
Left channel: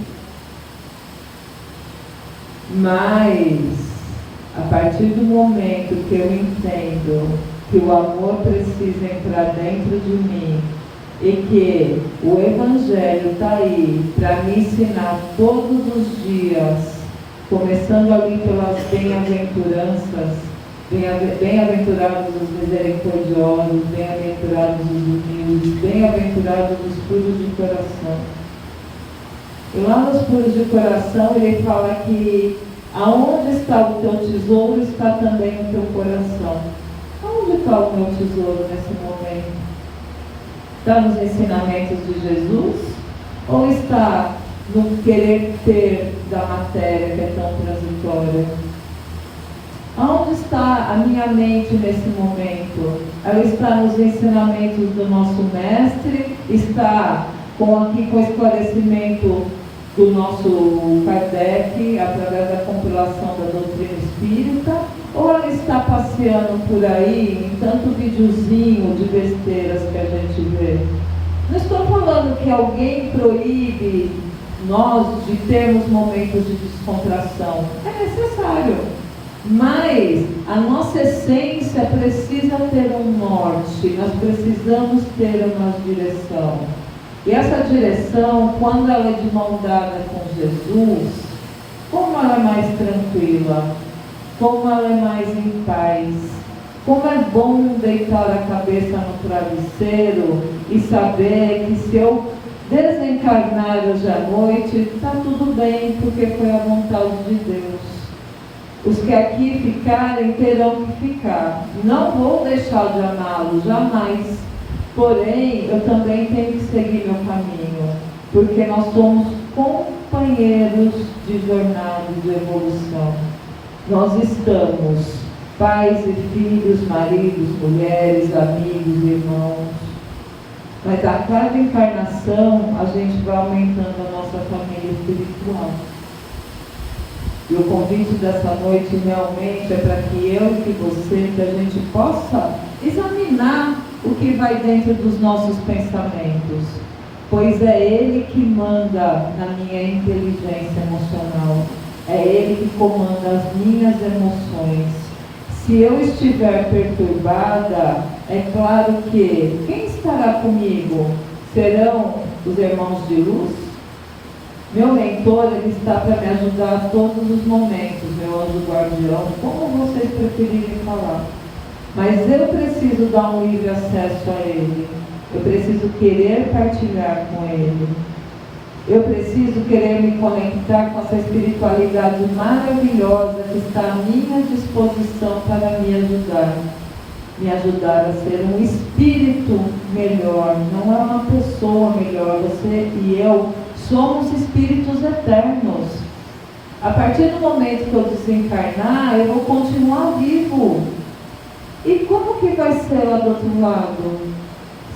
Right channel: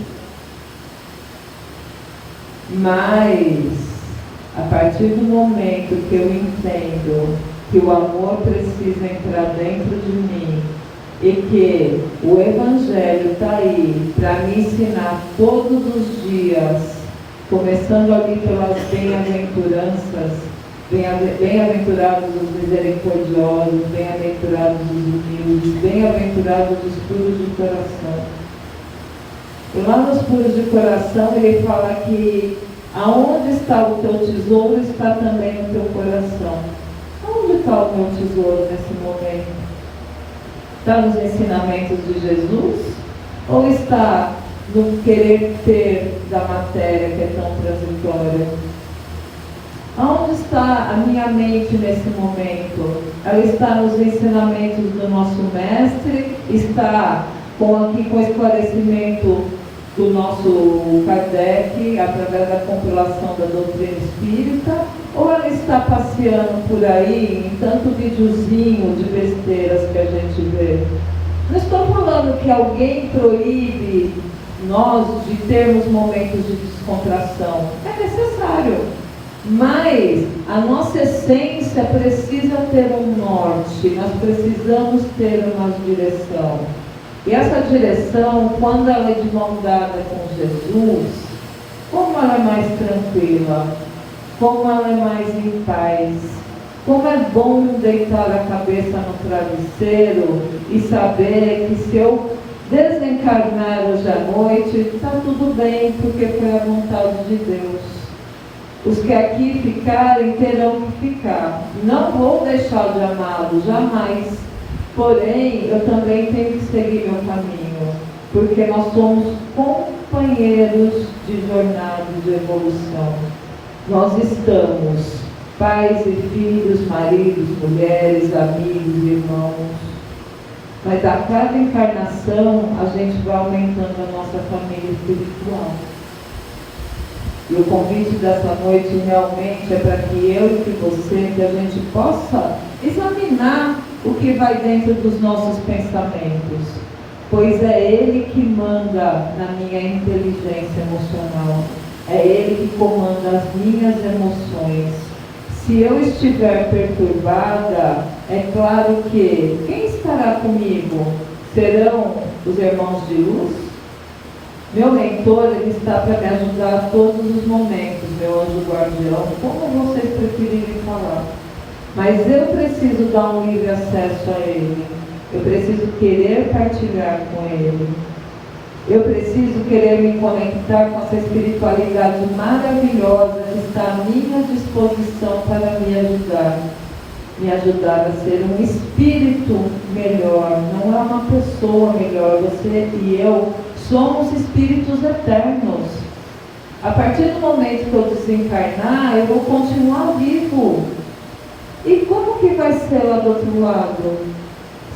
Mas A partir do momento que eu entendo que o amor precisa entrar dentro de mim e que o Evangelho está aí para me ensinar todos os dias, começando ali pelas bem-aventuranças, bem-aventurados os misericordiosos, bem-aventurados os humildes, bem-aventurados os puros de coração. E lá nos puros de coração ele fala que aonde está o teu tesouro está também o teu coração. Onde está o meu tesouro nesse momento? Está nos ensinamentos de Jesus? Ou está no querer ter da matéria que é tão transitória? Aonde está a minha mente nesse momento? Ela está nos ensinamentos do nosso mestre? Está com o esclarecimento do nosso Kardec, através da compilação da doutrina espírita? Ou ela está passeando por aí em tanto videozinho de besteiras que a gente vê? Não estou falando que alguém proíbe nós de termos momentos de descontração. É necessário. Mas a nossa essência precisa ter um norte, nós precisamos ter uma direção. E essa direção, quando ela é de mão dada com Jesus, como ela é mais tranquila, como ela é mais em paz, como é bom deitar a cabeça no travesseiro e saber que se eu desencarnar hoje à noite, está tudo bem, porque foi a vontade de Deus. Os que aqui ficarem terão que ficar. Não vou deixar de amá-lo, jamais. Porém, eu também tenho que seguir meu caminho, porque nós somos companheiros de jornada de evolução. Nós estamos, pais e filhos, maridos, mulheres, amigos, irmãos. Mas a cada encarnação, a gente vai aumentando a nossa família espiritual. E o convite dessa noite realmente é para que eu e que você, que a gente possa examinar o que vai dentro dos nossos pensamentos, pois é Ele que manda na minha inteligência emocional, é Ele que comanda as minhas emoções. Se eu estiver perturbada, é claro que quem estará comigo? Serão os irmãos de luz? Meu mentor, ele está para me ajudar a todos os momentos, meu anjo guardião, como vocês preferirem falar. Mas eu preciso dar um livre acesso a ele. Eu preciso querer partilhar com ele. Eu preciso querer me conectar com essa espiritualidade maravilhosa que está à minha disposição para me ajudar. Me ajudar a ser um espírito melhor, não é uma pessoa melhor. Você e eu somos espíritos eternos. A partir do momento que eu desencarnar, eu vou continuar vivo. E como que vai ser lá do outro lado?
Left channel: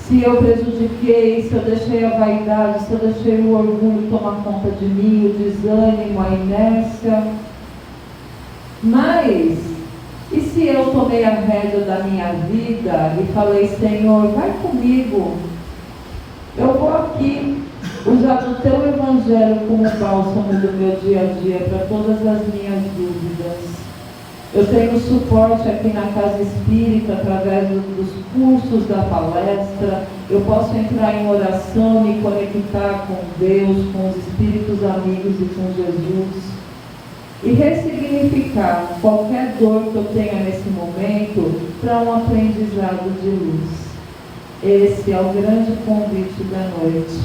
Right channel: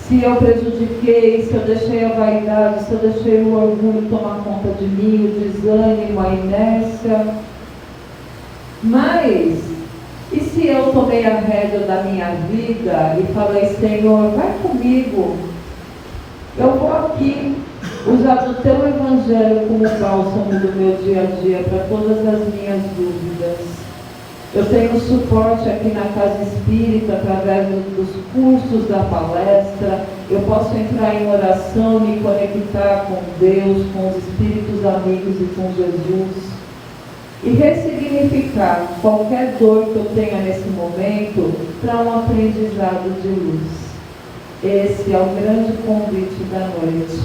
Se eu prejudiquei, se eu deixei a vaidade, se eu deixei o orgulho tomar conta de mim, o desânimo, a inércia. Mas, e se eu tomei a rédea da minha vida e falei, Senhor, vai comigo. Eu vou aqui usar do teu evangelho como bálsamo do meu dia a dia para todas as minhas dúvidas. Eu tenho suporte aqui na Casa Espírita através dos cursos da palestra. Eu posso entrar em oração, me conectar com Deus, com os espíritos amigos e com Jesus. E ressignificar qualquer dor que eu tenha nesse momento para um aprendizado de luz. Esse é o grande convite da noite.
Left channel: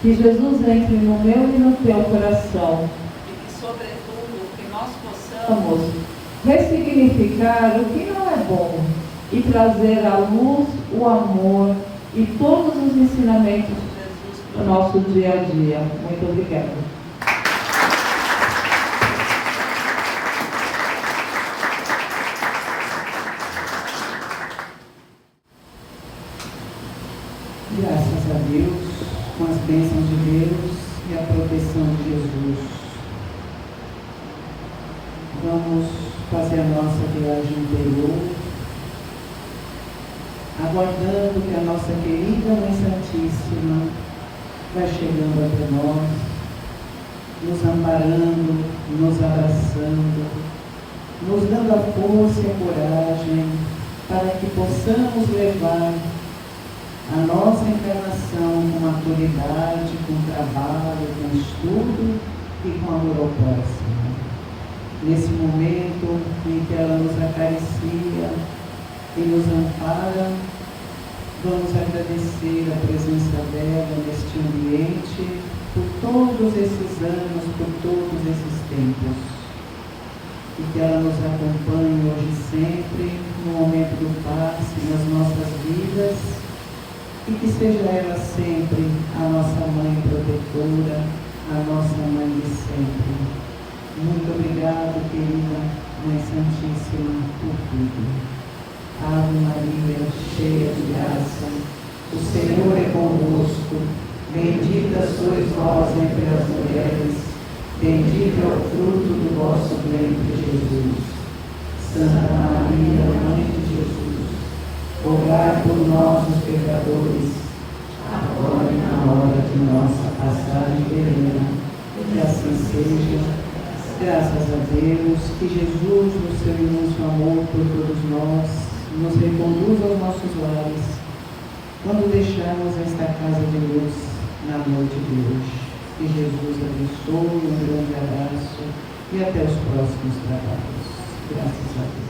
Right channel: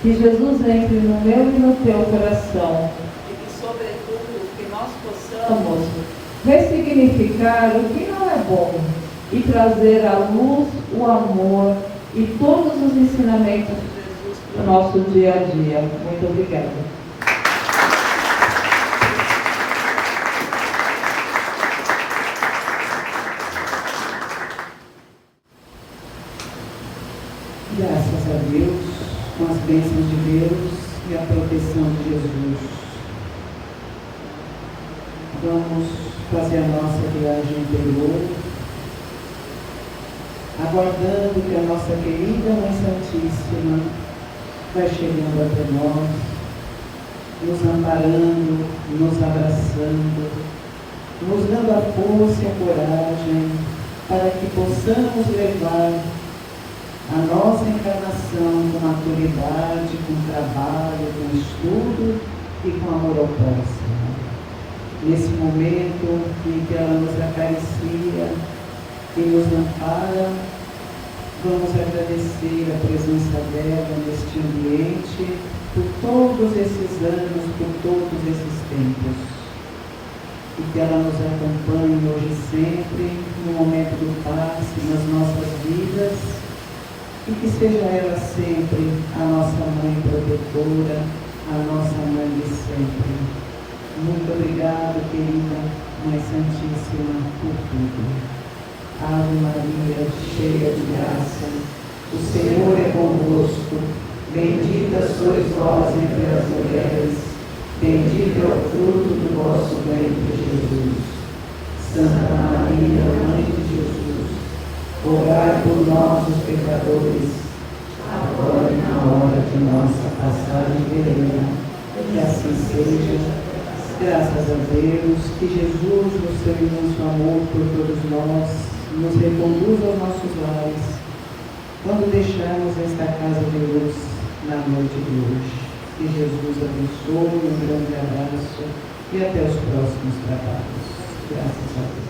Que Jesus entre no meu e no teu coração. E que, sobretudo, que nós possamos ressignificar o que não é bom e trazer à luz o amor e todos os ensinamentos de Jesus para o nosso dia a dia. Muito obrigada. Graças a Deus, com as bênçãos de Deus e a proteção de Jesus. Vamos fazer a nossa viagem interior, aguardando que a nossa querida Mãe Santíssima vai chegando até nós, nos amparando, nos abraçando, nos dando a força e a coragem para que possamos levar a nossa encarnação com maturidade, com trabalho, com estudo e com amor ao próximo. Nesse momento em que ela nos acaricia e nos ampara, vamos agradecer a presença dela neste ambiente por todos esses anos, por todos esses tempos. E que ela nos acompanhe hoje e sempre, no momento do passe nas nossas vidas, e que seja ela sempre a nossa mãe protetora, a nossa mãe de sempre. Muito obrigado, querida Mãe Santíssima, por tudo. Ave Maria, cheia de graça, o Senhor é convosco, bendita sois vós entre as mulheres, bendito é o fruto do vosso ventre, Jesus. Santa Maria, Mãe de Jesus, rogai por nós, os pecadores, agora e na hora de nossa passagem terrena. Que assim seja. Graças a Deus, que Jesus, no seu imenso amor por todos nós, nos reconduza aos nossos lares, quando deixarmos esta casa de luz na noite de hoje. Que Jesus abençoe, um grande abraço e até os próximos trabalhos. Graças a Deus.